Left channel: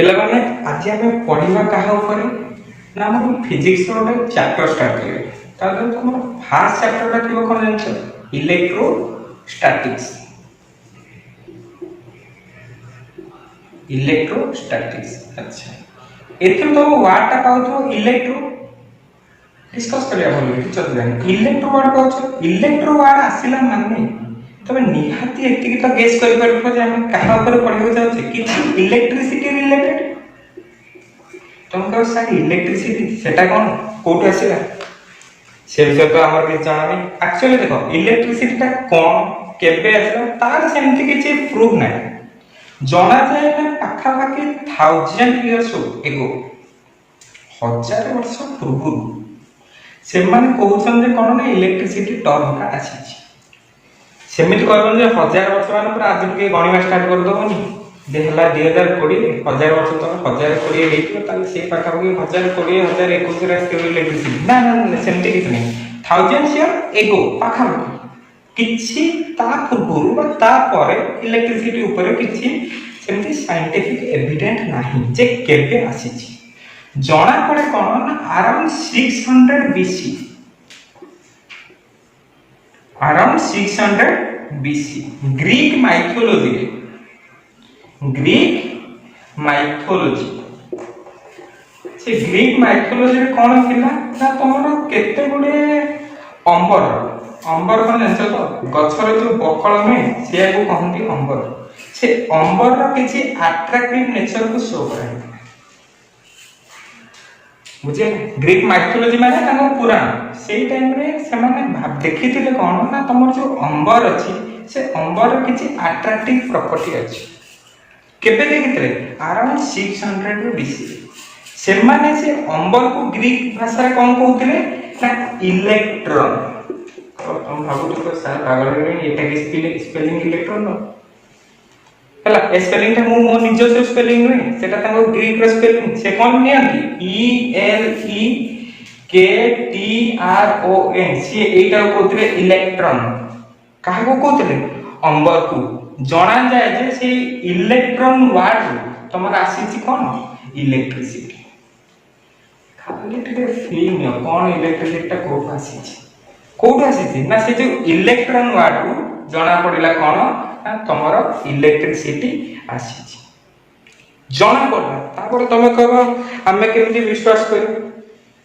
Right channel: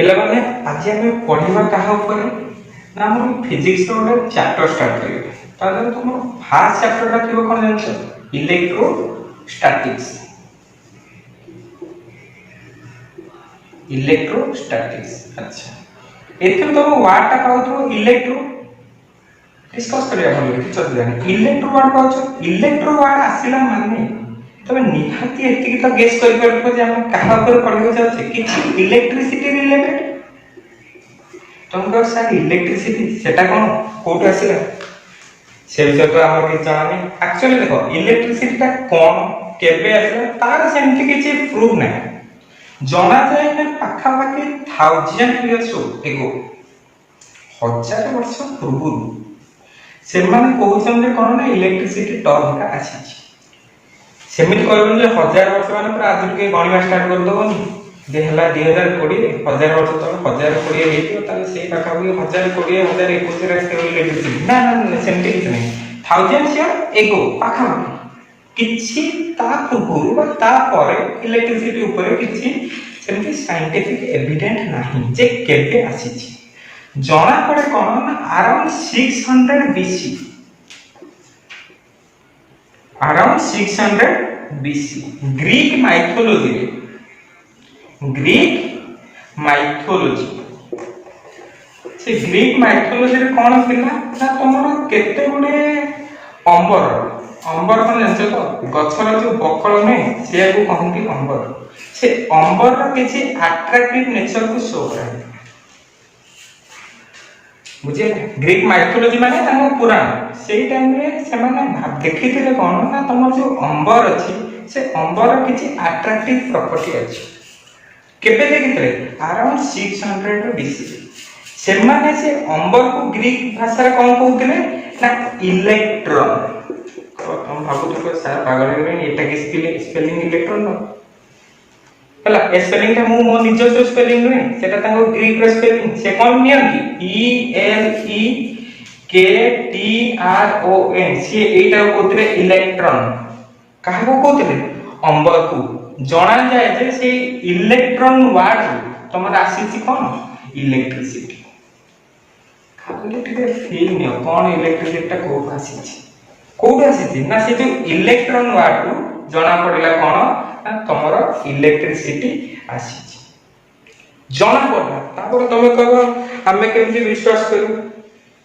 ପିଲାମାନେ ଆଜି ଆମେ ପଢିବା କାହା ଉପରେ ନା ଆମର ଫିଜିକ୍ସ ର ଗୋଟେ ଚାପ୍ଟର ଷ୍ଟାର୍ଟ କରିବେ। ତା ଦ୍ୱାରା ତମର ଫାର୍ଷ୍ଟ ଚାପ୍ଟରଟା ଥିବ କଣ ଜାଣିଛ? ଇଲେକ୍ଟ୍ରୋଷ୍ଟାଟିକ୍ସ। ଇଲେକ୍ଟ୍ରୋଷ୍ଟାଟିକ୍ସ ଆଚ୍ଛା, ଏଥିରୁ ତମ ୱାର୍ଡଟା ପାଉଥିବ ଇଲେକ୍ଟ୍ରୋ। डिस्कस करिया भलो ठीक ଅଛି ଜାଣି ଇଲେକ୍ଟ୍ରୋ ୱାର୍ଡ ପାଉଛ। ଇଲେକ୍ଟ୍ରୋ ୱାର୍ଡ ଆସିଲା ମାନେ ତମେ ନିହାତି ଏତିକି ତ ଗେସ୍ କରିପାରିବ ଯେ ଆମେ କାହା ଉପରେ ପଢିବାକୁ ଯାଉଛେ, କିଛି ଇଲେକ୍ଟ୍ରିସିଟି ରିଲେଟେଡ। ତମେ କହିବ ସାର୍ ଇଲେକ୍ଟ୍ରିସିଟି ସେଟା କଣ, କୋଉଠୁ ଆସିଲା, ସେ ବିଷୟ ତ ଆମର କିଛି ଜଣା ନାହିଁ। ଆକ୍ଚୁଆଲି ଦେଖ ଇଲେକ୍ଟ୍ରିସିଟିଟା କଣ, କେବେ ଆସିଲା, ତାର ସେମିତି କିଛି ପ୍ରୁଫ୍ ନାହିଁ। ଜଣାଯାଏ ନା ପାଖାପାଖି 1000 years ago, 1000 ବର୍ଷ ପୂର୍ବରୁ ସେମାନେ କହୁଛନ୍ତି କଣ ନା ଇଲେକ୍ଟ୍ରିସିଟି ଟର୍ମଟା ଆସିଛି। ସେମିତି କହିବନି ଯେ 1000 ବର୍ଷ ମାନେ ପୁରା ଆଜି ଟିକେ ଗଣିବା ଷ୍ଟାର୍ଟ କରିଦେବନି ଯେ ହେଲା 2020, 1000 ବର୍ଷ ତଳେ 1020 ହେଇଥିବ, ତାହେଲେ ସେଇ ପାଖାପାଖି 1020, 1021 ଆସିଥିବ ଇଲେକ୍ଟ୍ରିସିଟି। ନା ନା ସେମିତି କିଛି ନାହିଁ। 1000 years ago ପାଖାପାଖି, କିଛି ତା ପୂର୍ବରୁ ବା ତାପରେ ଇଲେକ୍ଟ୍ରିସିଟି ଉପରେ କିଛି ସେମିତି ସାଇଣ୍ଟିଫିକ ଏଭିଡେଣ୍ଟ ନାହିଁ ଯେ କେବେ ଆସିଛି। ଜଣା ପଡେ କଣ ନା around 600 BC, around 600 BC Greek mythology, Greek mythology. ସେ ଗ୍ରୀକ ମାଇଥୋଲୋଜିରେ କଣ ଥିଲା ନା ତମର କେତେ ଗୁଡେ ଅମ୍ବର, ଅମ୍ବର କଣ ଜାଣିଛ ତ, ଗଛର ଯୋଉ ବକଳ ନୁହେଁ ସେଆକୁ କହନ୍ତି ଅମ୍ବର। ସେ ଅମ୍ବରର କିଛି ଆଟ୍ରାକ୍ଟିଭ ନେଚରକୁ ଶୋ କରାଯାଇଥିଲା। ବୁଝିଲେ, ଗ୍ରୀକ ମାଇଥୋଲୋଜି ମାନେ ତାଙ୍କ ପୁରାଣ। ସେଇ ଟାଇମରେ ସେମାନେ ଦେଖିଥିଲେ କଣ ନା ତମର ଯୋଉ ଅମ୍ବର ଅଛି ସେ ଅମ୍ବରର କିଛି ଆଟ୍ରାକ୍ଟିଭ ପ୍ରପର୍ଟି ଅଛି। କେବେ ଦେଖିଥିଲେ? Around 600 BC। ସେମାନେ ସେ ଅମ୍ବରକୁ ଗ୍ରୀକ ଭାଷାରେ କଣ କହୁଥିଲେ ନା ଇଲେକ୍ଟ୍ରନ। ତମେ ଭାବୁଥିବ ସାର୍ ପାଗଳ ହେଇଗଲେଣି, ଏଇଟା କି ସ୍ପେଲିଂ ଇଲେକ୍ଟ୍ରନ ହେଲା। ଏ ସ୍ପେଲିଂ ଟା ମୁଁ ମୋ ନିଜସ୍ୱ ସ୍ପେଲିଂ ନୁହେଁ, ସେଟା ତାଙ୍କ ଗ୍ରୀକ ର ସ୍ପେଲିଂ। ସେ କଣ ନିଅନ୍ତି ELEKTRON, ସେ ଏଇଟା କହୁଥିଲେ ଇଲେକ୍ଟ୍ରନ। କାହାକୁ କହୁଥିଲେ? ଅମ୍ବରକୁ। ଜଣା ଯାଏ ଯେ ସେଇ ଇଲେକ୍ଟ୍ରନ ୱାର୍ଡ ତମର ଆସିଛି କଣ, ଇଲେକ୍ଟ୍ରିସିଟି। ଖାଲି ଟିକେ ଫିଲ୍ ନିଅ କଣ ଇଲେକ୍ଟ୍ରିସିଟି ଟା କୋଉଠୁ ଆସିଛି, କୋଉଠୁ ଆସିଛି ନା ସେ ଯୋଉ ଇଲେକ୍ଟ୍ରନ ୱାର୍ଡରୁ ଜଣା ପଡିଲା କଣ ନା ତମର ଇଲେକ୍ଟ୍ରିସିଟି ଆସିଛି। ଜଣା ପଡିଲା, ତାପରେ ତମେ କହିବ ଆମେ କେମିତି ବିଶ୍ୱାସ କରିବୁ,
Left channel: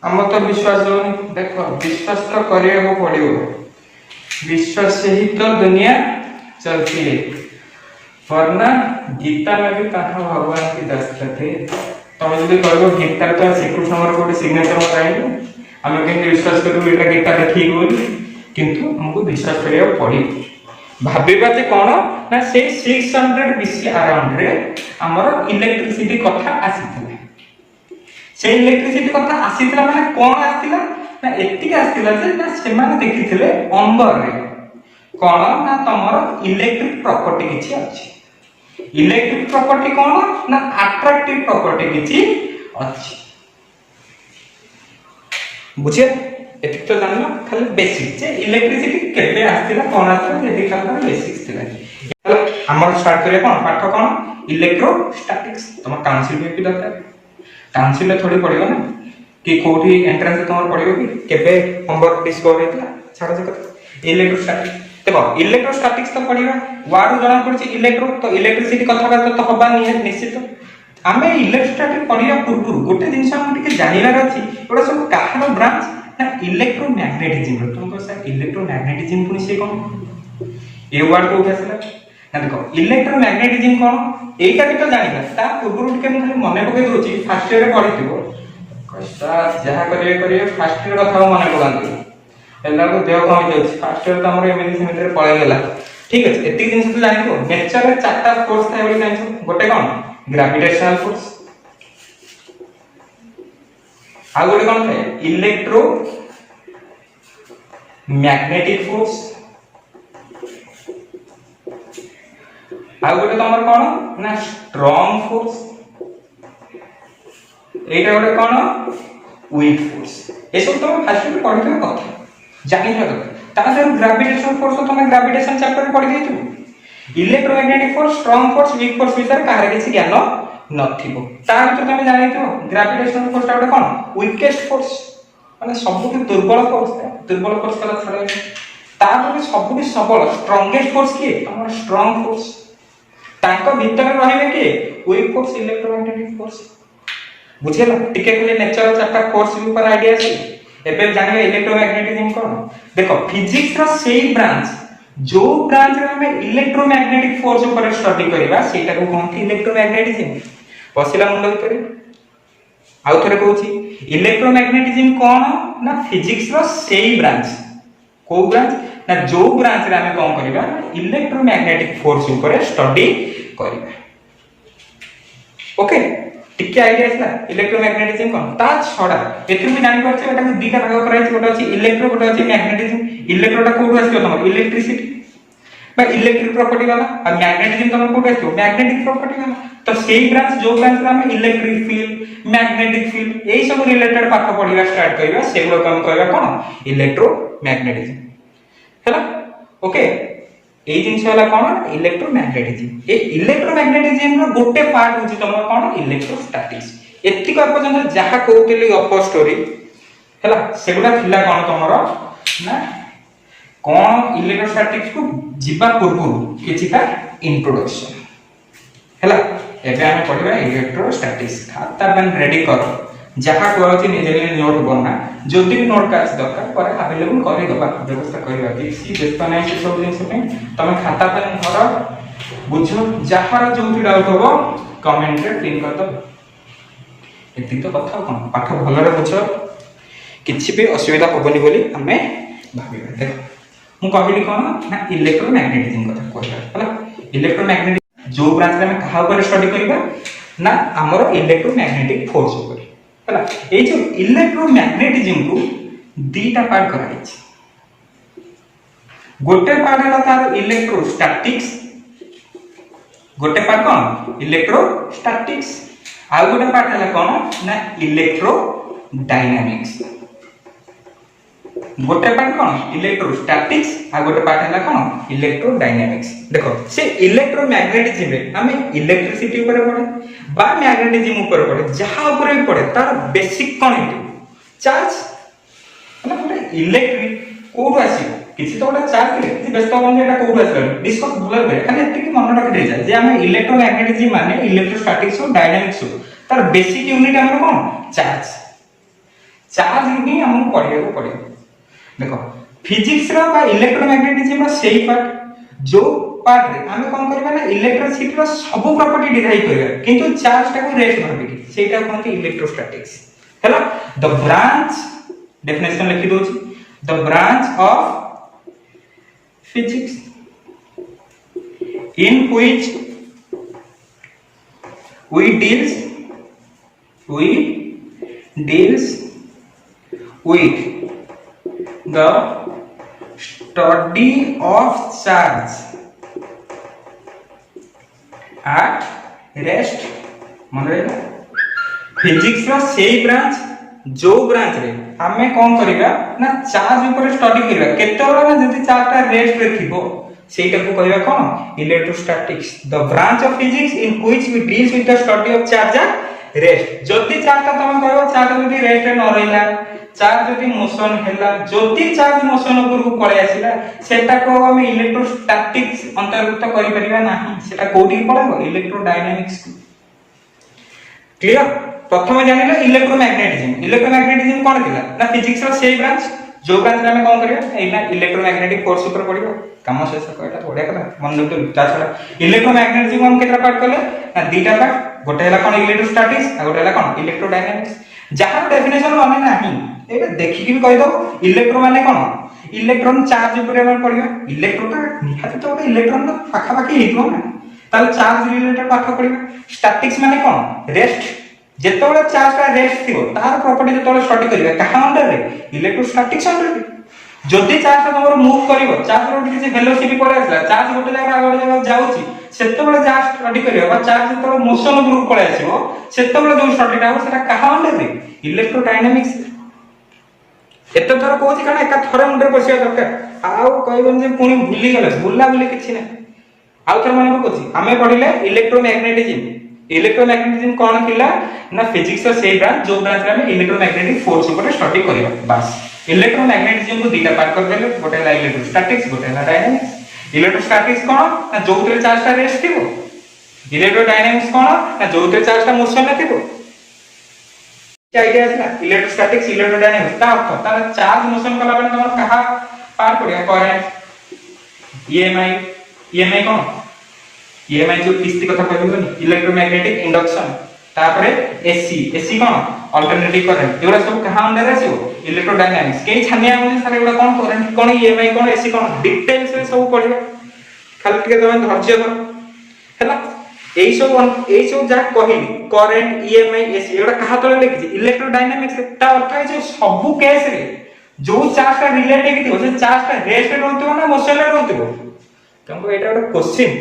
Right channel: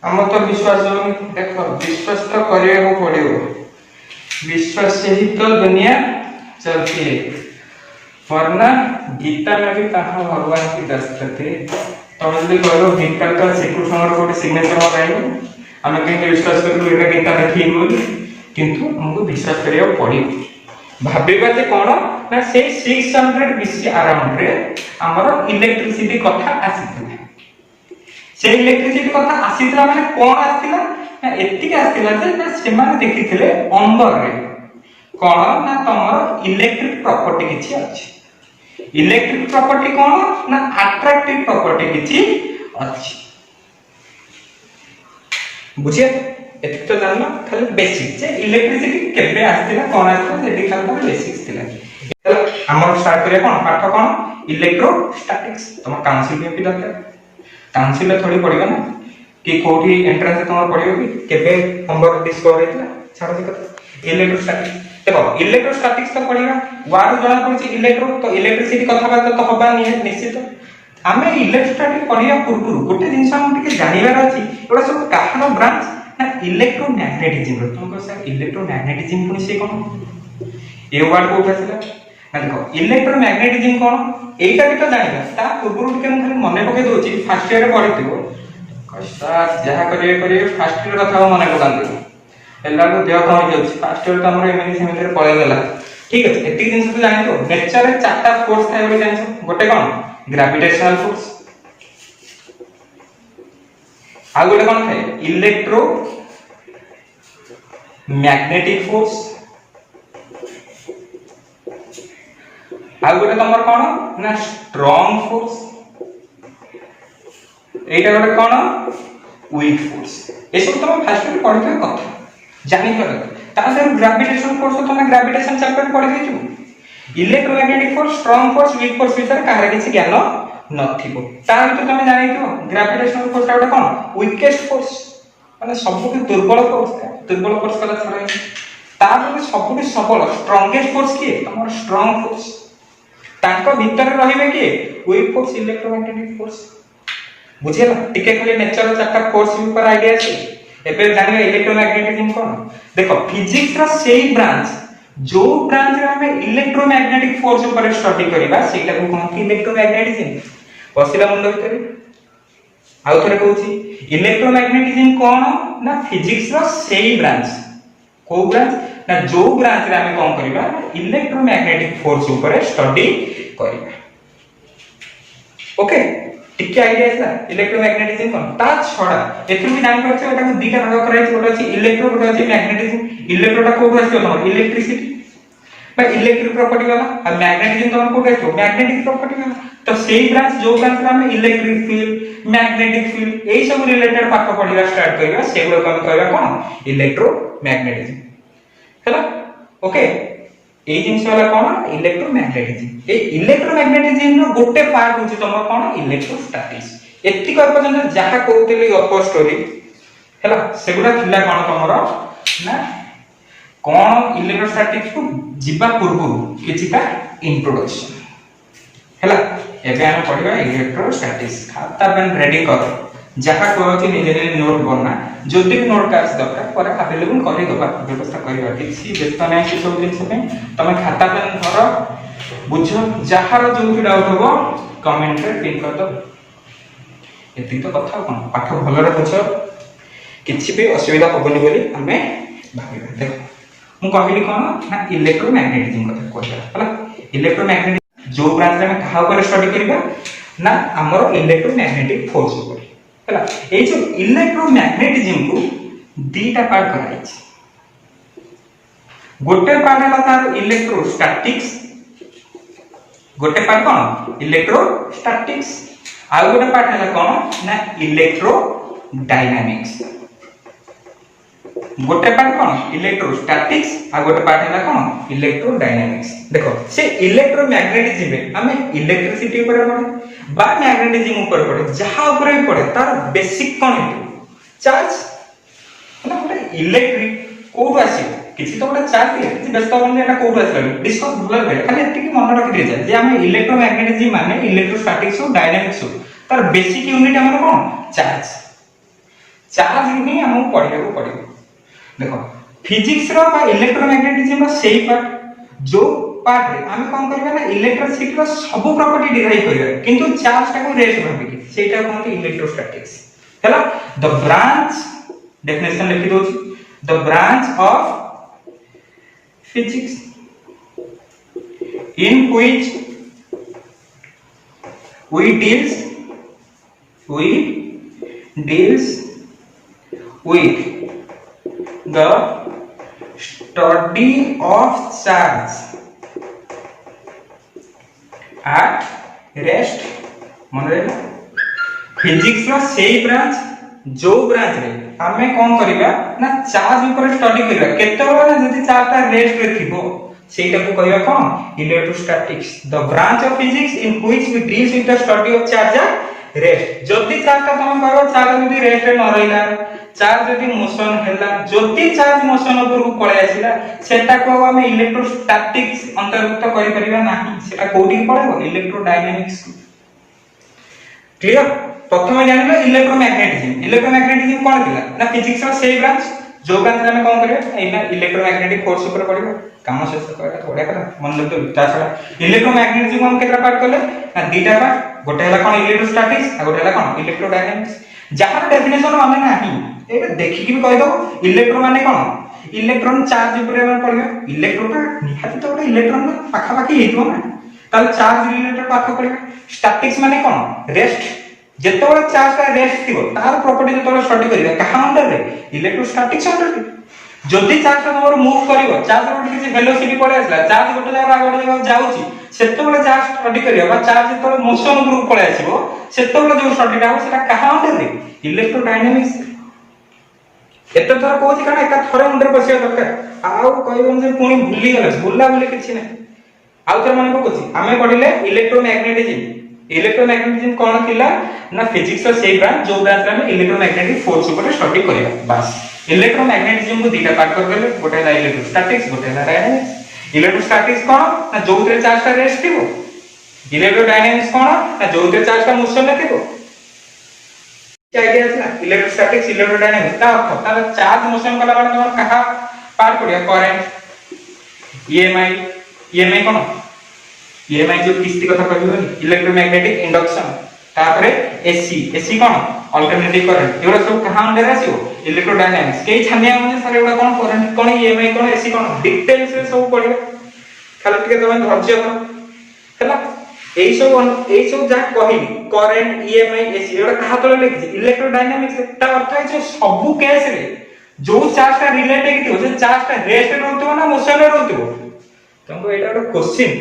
ଆମର ତ ବିଶ୍ୱାସ ହଉନି। ଦେଖ ବିଶ୍ୱାସ ତ କରିବାକୁ ପଡିବ, विश्वास से ही तो दुनिया चलती है, वरना गीता में भी कहा भगवान की दस्तखत है। तुम यदि कहो गीता तो श्रीकृष्ण को सिग्नेचर लगाइए आम कहीं विश्वास करूँ एटा गीता देखिए बोली, किंतु हमको विश्वास करिया पड़ी। भाबिबा जे कोन ना से 600 BC अराउंड रे हमर इलेक्ट्रिसिटी कथा आसीथिला। से इलेक्ट्रिसिटी कथा आसीथिला माने कोन आसीथिला ना एतिक आसीथिला जे ना सेमाने देखिथिले अंबर रे कोन ना तमर इलेक्ट्रिक प्रॉपर्टी किछि अछि। इलेक्ट्रिक प्रॉपर्टी कोन ना अट्रैक्टिव प्रॉपर्टी किछि अछि। बुझिए एतिक तो जानलो खाली बेसिक जे इलेक्ट्रिसिटी केबे आसीथिला कोन आसीथिला एति खाली बेसिक्स थिला। हमर स्टार्ट करे कोन पाठ कोन इलेक्ट्रोस्टैटिक्स। तुम काउंसिल में भी दरकार, काउंसिल में थोड़ी पड़ियो ना कि कोठी एंट्रेंस तुम पड़ियो कि केबे नंबर डिस्कवर हेतला छाड़ से कथा। इलेक्ट्रोस्टैटिक्स देखो इलेक्ट्रोस्टैटिक्स तो पड़िबा वार जणा पड़छि इलेक्ट्रो तो इलेक्ट्रिसिटी कथा बात तो होबा निश्चित। आमे इलेक्ट्रोस्टैटिक पढ़िया पूर्व गोटे जिनस हम टिके जानिबार अछि एडा सब काहनो ब्रांच ना इलेक्ट्रोमैग्नेटिज्म। तुम को सर इलेक्ट्रोमैग्नेटिज्म पुनी से कोन ए वर्ड को उठासला ना देखो इलेक्ट्रोमैग्नेटिज्म कोन एटा भी तो जानिला। ता पूर्व टिके हम खाली मने पके दोछि फर्स्ट ईयर रे पढ़िथिबो सर जहा करिवे फर्स्ट ईयर कथा मने पकांती एला को देह कम जाउछि। फर्स्ट ईयर त हमर एमएनसी सेमेंटर पळे गेला ठीक है। एति दिन से जानितो नेचर रे चारटा फोर्स थाय बोली जानिछो। गोटे कोन ग्रेविटेशनल फोर्स, आ गोटे कोन थाय इलेक्ट्रो मैग्नेटिक फोर्स, आ गोटे तमर कोन ना स्ट्रांग फोर्स, एटा गोटे कोन वीक फोर्स। ए सब तुम फर्स्ट में पढ़िबे कथा जानिबा कथा। ता सर ग्रेविटेशनल फोर्स तो तुम ग्रेविटेशन चैप्टर में पढ़ि देछु। Electromagnetic force, strong force, weak force विषय काहे किछि ज्ञान नथिबो ता तो तमे जानि तो ग्रेविटेशनल फोर्स टा कोन वीकेस्ट फोर्स माने सबुठु दुर्बल फोर्स कला छड़े तापर सबुठु सबल स्ट्रांगेस्ट फोर्स के हमर स्ट्रांग फोर्स तांको भीतर रहिबे के वीक फोर्स इलेक्ट्रोमैग्नेटिक फोर्स बुझेला टिके खाली नेचर चारटा फोर्स ऊपर आईडिया छै एबे जानिबे इलेक्ट्रोमैग्नेटिज्म कोन देखो फिजिक्स रो सेही ब्रांच जो ब्रांच रे हमें इलेक्ट्रोमैग्नेटिक फोर्स ऊपर स्टडी करबा सेटा को कोन इलेक्ट्रोमैग्नेटिज्म पसिला मुंड भीतर आउ थरे कहूची इलेक्ट्रोमैग्नेटिज्म कोन ना फिजिक्स रो सेही ब्रांच को ब्रांच ना जो ब्रांच रे हमें कोन करबा इलेक्ट्रोमैग्नेटिक फोर्स ऊपर स्टडी करबा ओके टिके आईडिया है इलेक्ट्रोमैग्नेटिज्म कोन ता छडा एथु भी जानि परछ एटा दुईटा भाग कराइ छै ओटा अछि इलेक्ट्रो ओटा अछि मैग्नेटिज्म इलेक्ट्रोटा कोड आछो तमर इलेक्ट्रिसिटी बा इलेक्ट्रिक प्रॉपर्टी वाला और मैग्नेटिज्म तमर कोड आछो मैग्नेटिक प्रॉपर्टी वाला तो सेही ब्रांच जो ब्रांच में इलेक्ट्रिक फील्ड मैग्नेटिक फील्ड एई सब रिलेटेड पाठ पढिया स्टार्ट करबा सेगुलो कोन कहबा कोन इलेक्ट्रोमैग्नेटिज्म हैला ओके ए जिंस वाला कोन इलेक्ट्रोमैग्नेटिज्म ए इलेक्ट्रोमैग्नेटिज्म रो गोटे पार्ट होची तमर कोन इलेक्ट्रोस्टैटिक्स एत्ति कर पर्यंत जहा कहतेली अप स्टोरी हैला सेगुला थिला कोन तमर ना कोन इलेक्ट्रोस्टैटिक्स को जिबा पूर्व किछिटा इंट्रोडक्शन हैला एबे हम पढिबा इलेक्ट्रोस्टैटिक्स खाता पेन रेडी करो जहा कहछि निजे निजे नोट बना जति भी नोट कास दरकार पर अवेलेबल करि दबा व्यवस्था करिबा किछि व्यस्त नै से सब दिन से तमे खाता पेन धर बुझो जहार जोति डाउट होबो कमेंट रे पिन कर दो एति तो कथा कोन पाठ भलो रे बुझो किछि भी असुविधा होबनी बोली हमें भाबिबा देखो मु कहली कोन ना इलेक्ट्रोमैग्नेटिज्म कथा कहला हला इलेक्ट्रोमैग्नेटिक जो ब्रांच रे हम कहा ऊपर स्टडी करिबा ना हमरो इलेक्ट्रोमैग्नेटिक फोर्स ऊपर हला ए जो इलेक्ट्रोमैग्नेटिज्म को दीटा पार्ट करा छै गोटे पार्ट हला तार इलेक्ट्रोस्टैटिक्स गोटे पार्ट कोन इलेक्ट्रोस्टैटिक्स आ गोटे पार्ट हला कोन ना इलेक्ट्रोडायनामिक्स गोटे पार्ट कोन इलेक्ट्रोस्टैटिक्स आ गोटे पार्ट हला कोन इलेक्ट्रोडायनामिक्स देखो से इलेक्ट्रोमैग्नेटिज्म में हमें इलेक्ट्रिसिटी ऊपर पढ़े बा मैग्नेटिज्म ऊपर पढ़े जहां ऊपर भी पढ़े तार बेसिक कोन चार्ज ना गोटे इलेक्ट्रिक कोड आसी किछि तो गोटे चार्ज ले किछि व्यस्त बन एटा कोड आसी डिस्कस भूल करे खाली एति मन रख दे जाय जे हमें इलेक्ट्रोमैग्नेटिज्म माने इलेक्ट्रोस्टैटिक्स और डायनामिक्स तार बेसिक यूनिट हमर कोन चार्ज चार्ज ही हमहु पढ़िया को पड़े देखो फिजिक्स रो बा इलेक्ट्रोमैग्नेटिज्म रो सेही पार्ट जो पार्ट रे हम कोन करबा ना इलेक्ट्रिसिटी रो सब प्रॉपर्टी डिराइव करबा किंतु चार्ज टा को रेस्ट भाबी कि सेटा कोनती इलेक्ट्रोस्टैटिक्स हैला द ब्रांच डेफिनेशन लिखि दोछि the branch of physics in which we deals with the study of charge at rest मन रे फिजिक्स रो सेही ब्रांच जो ब्रांच रे हमें कोन करिबा ना चार्ज ऊपर स्टडी करिबा केते बडा ना जति चार्ज टा रेस्ट रे थिबो सेटा को कहबा कोन electrostatics the branch of physics in which we deals with the study of charge at rest जति चार्ज टा तमे कहबा चार्ज जति रेस्ट रे न रहिला चार्ज जति मोशन हैला जति चार्ज मोशन ऊपर को पळे आसिला सेटा को हम इलेक्ट्रोस्टैटिक्स अंतर्गत करि परिबा नाही सेटा कोडी पड़ो इलेक्ट्रोडायनामिक्स क्लियर प्रथम जानिलो इलेक्ट्रोमैग्नेटिज्म कोन थिला ना फिजिक्स रो सेही ब्रांच जो ब्रांच में कोन करियो एटा इलेक्ट्रोमैग्नेटिक फोर्स ऊपर पड़िबो काम शेष करटा थोड़ा करा मन ले तो ताछला इलेक्ट्रोमैग्नेटिज्म हम केतना पार्ट करले ना दीटा पार्ट गोटे हला कोन इलेक्ट्रोस्टैटिक्स आ गोटे हला कोन इलेक्ट्रोडायनामिक्स जहार डेफिनेशन माने नाही एटा देखि कि कहि दो इलेक्ट्रो माने कोन इलेक्ट्रॉन चार्ज ऊपर में पड़ियो इलेक्ट्रोटा निहाती तो गोटे इलेक्ट्रॉन पाखा पाखी हेतो ना ताल चार्ज रिलेटेड पाठ पड़िबो स्टैटिक्स माने कोन रेस्ट जेतो बड़ा चार्ज का रेस्ट थिबो तार प्रॉपर्टी जेतो स्टडी करिया कहा अंदर रे इलेक्ट्रोस्टैटिक्स अंदर रे जदी चार्ज नंबर मूव करिवो चार्ज रो किछि वेलोसिटी पड़े आसला चार्ज गोटे जगह गोटे जगह जाउची सेतो बड़ा चार्ज स्टडी करिया बा चार्ज जेतो मोशन ग्रुप पड़े आसीबो सेतो बड़ा जो स्टडीटा हो सेटा कहा अंदर रे इलेक्ट्रोडायनामिक्स एतो थरा कोछि काना एका थरा मुंडर बसिया दरकार आउ कहबन जे पुनी भूली गले भूला बोले किछि नै आउ थरा माने कोछि हमें पढिले इलेक्ट्रोमैग्नेटिज्म इलेक्ट्रोमैग्नेटिज्म कौन थिला ना फिजिक्स से ब्रांच जो ब्रांच में इलेक्ट्रोमैग्नेटिक फोर्स ऊपर स्टडी करिया बस इलेक्ट्रोमैग्नेटिज्म को दीटा पार्ट कर देले गोटे है इलेक्ट्रोस्टैटिक्स गोटे है डायनामिक्स इलेक्ट्रोस्टैटिक्स कौन ना जो उतरे चार्ज का रेस्ट थिबो इलेक्ट्रोडायनामिक्स कौन ना जो उतरे चार्ज का मोशन में थिबो क्या आईडिया है ना इलेक्ट्रोस्टैटिक्स इलेक्ट्रोडायनामिक्स ता अर्थ ता चार्ज मोशन कला बारे हम कहा पार करिया करंट ईएमआई कौन ईएमआई जो किस्ती कथा कहबो इलेक्ट्रोमैग्नेटिक इंडक्शन तापरे एसी कौन अल्टरनेटिव करंट एगुला सब कहां अंडर आसीओ इलेक्ट्रोडायनामिक्स के छानिया म्हणजे सारे एगुला कौन करंट कौन ईएमआई कौन एसी कौन डिटेल्स रे सब पढिबा खाली टिके तमे धैर्य कर हैला एई सब जा कहिली करंट ईएमआई एसी एगुला कहा तले लिखि इलेक्ट्रोडायनामिक्स ता अर्थ है जो सब केस रे जो चार्ज का रिलेट है कि से चार्ज का रेस्ट रे रहतिबो ना मोशन रे रहतिबो तुमको एटा एक क्वेश्चन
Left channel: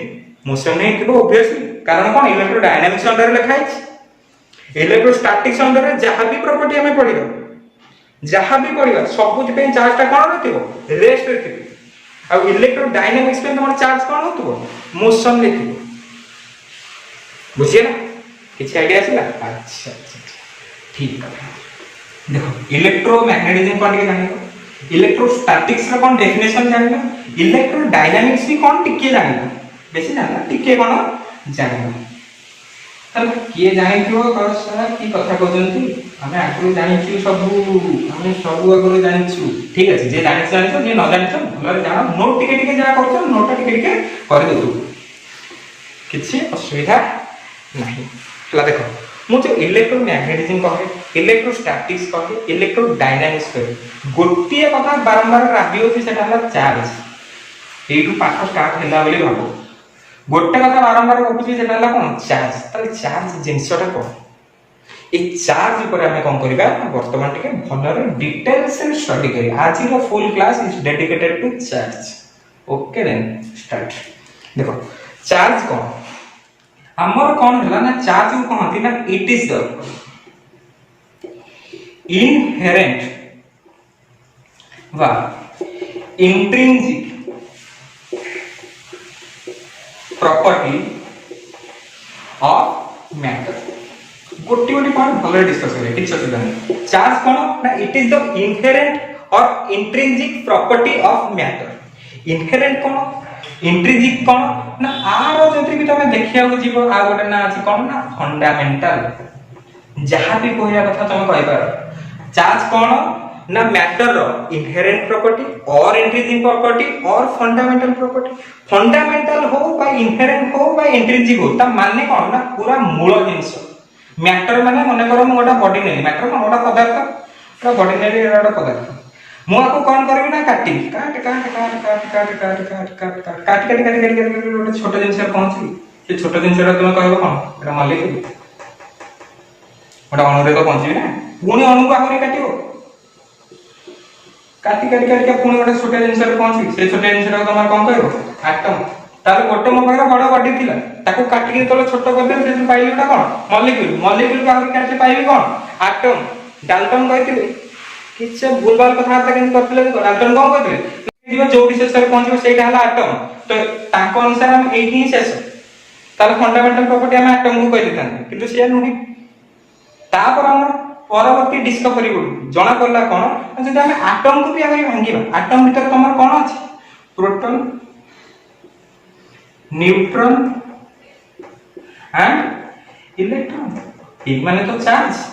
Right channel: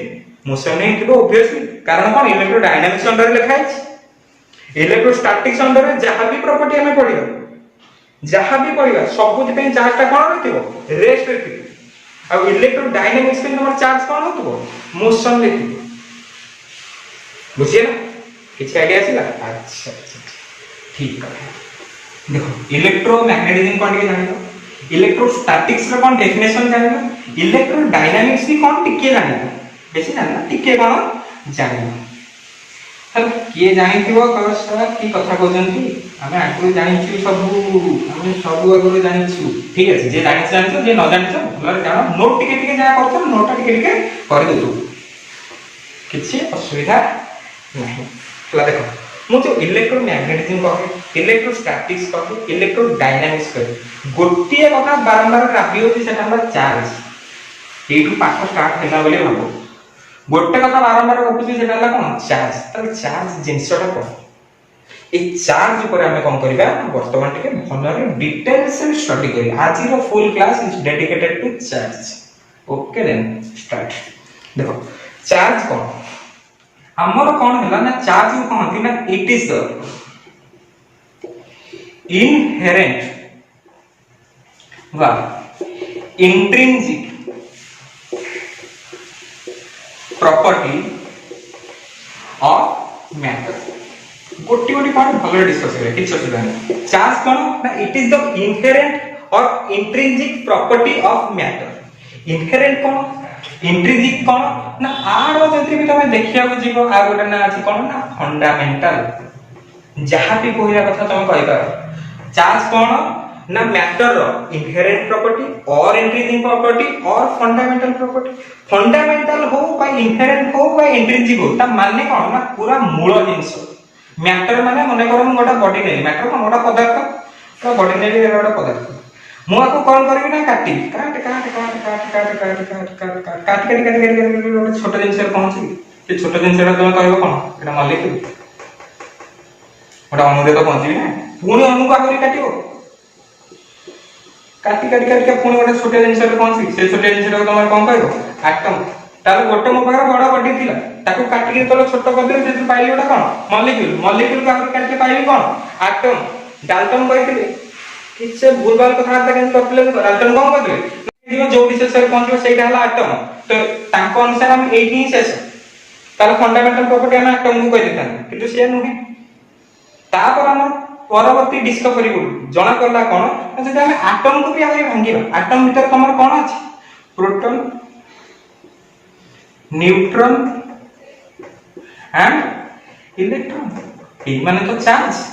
मोशन नहीं थिबो ऑब्वियसली कारण कोन इलेक्ट्रोडायनामिक्स अंडर लिखा है इलेक्ट्रोस्टैटिक्स अंडर जहां भी प्रॉपर्टी हमें पढ़ियो जहां भी पढ़ियो सब जते चार्ज का कोन रहतिबो रेस्ट रे थिबो आ इलेक्ट्रोडायनामिक्स में हमर चार्ज कोन होतबो मोशन में थिबो बुझिए ना किछ आईडिया आसिला अच्छा ठीक है देखो इलेक्ट्रोमैग्नेटिज्म कोन के जानिबो इलेक्ट्रोस्टैटिक्स रा कोन डेफिनेशन जानिबो इलेक्ट्रोडायनामिक्स भी कोन टिके जानिबो बेसी जानना टिके कोन जानिबो हल ये जानिथिबो कौशल की कथा कहजंती हमें आगु जानिछु सब हमें सब आगु जानिछु ठीक है जे जानिछु जे न जानिछु भलर जानो नोट टिके जा करछो नोट टिके कर दो किछि असुविधा नहीं हला देखो मु जो इलेक्ट्रोमैग्नेटिज्म कहे इलेक्ट्रोस्टैटिक्स कहे इलेक्ट्रोडायनामिक्स कहे गोटिए कथा बारंबार राबियो कि सेटा हमर चार्ज एठू पाठ स्टार्ट होला बोली भाबो गोटे कथा बारंबार गपुची सेटा होला कोन चार्ज त चार्ज जिंसटा को ए चार्ज ऊपर हमें कोन करबा वर्तमान टिके भलरे डिटेल्स से स्टडी करी आज रो full class is dedicated to charge okay then start देखो चार्ज कोन हमर कोन होला ना चार्ज को कहंती ना इट इज द इनहेरेंट वा इंट्रिंसिक प्रॉपर्टी ऑफ मैटर गोटी पार्ट भले डिस्कस करिया ठीक छै जाने चार्ज कोन ना इट इज द इनहेरेंट और intrinsic property of matter inherent कोन इंट्रिंसिक कोन ना आरो जति भी तमे देखिया को जीवो आ गोटे ना अछि कोन ना फंडामेंटल जहां भी कोइला कथा तमे कहि पार चार्ज कोन ना मैटर रो इनहेरेंट प्रॉपर्टी और इंट्रिंसिक प्रॉपर्टी और फंडामेंटल प्रॉपर्टी फंडामेंटल हो बा इनहेरेंट हो बा इंट्रिंसिक हो ता माने कोन ना पूरा मूल जिंस मैटर माने मने करो गोटा बॉडी नै मैटर कोन गोटा पदार्थ तो बॉडी नै गोटा पदार्थ मु आपको कोन करियो ना काटी काट गोटे छोट जिंस पहुंची से छोट जिंस तुम कहबो कोन एटा मॉलिक्यूल गोटा अणु रे तो पहुंची ना पुणी अणु को आगरी काटियो काटी पुणी गोटे छोट जिंस पहुंची से छोट जिंस तुम कोन कहबो एटम ताले गोटे मो पाखर बड़ बॉडी थिला ताको काटी के तले छोट कर दे से पाइली ओटा कोन मॉलिक्यूल को आगरी काटले पाइली कोन एटम डाल्टन कहतिले किछ भूलभाल कथा केन करतले डाल्टन कोन कहतिले जो विशेष पहुंचो सेटा हला एटम तो तांको अनुसार हम एही ही शेष ताले फंडामेंटल प्रॉपर्टी हम एटम को कहि देतान किंतु से नुहे तापर हम परवर्ती डिस्कवरी को जणा करला कोन जदि हम एटम को भी आगे भांगिबा एटम भीतर तमर कोन अछि प्रोटॉन न्यूट्रॉन एंड इलेक्ट्रॉन ठीक माने तो चार्ज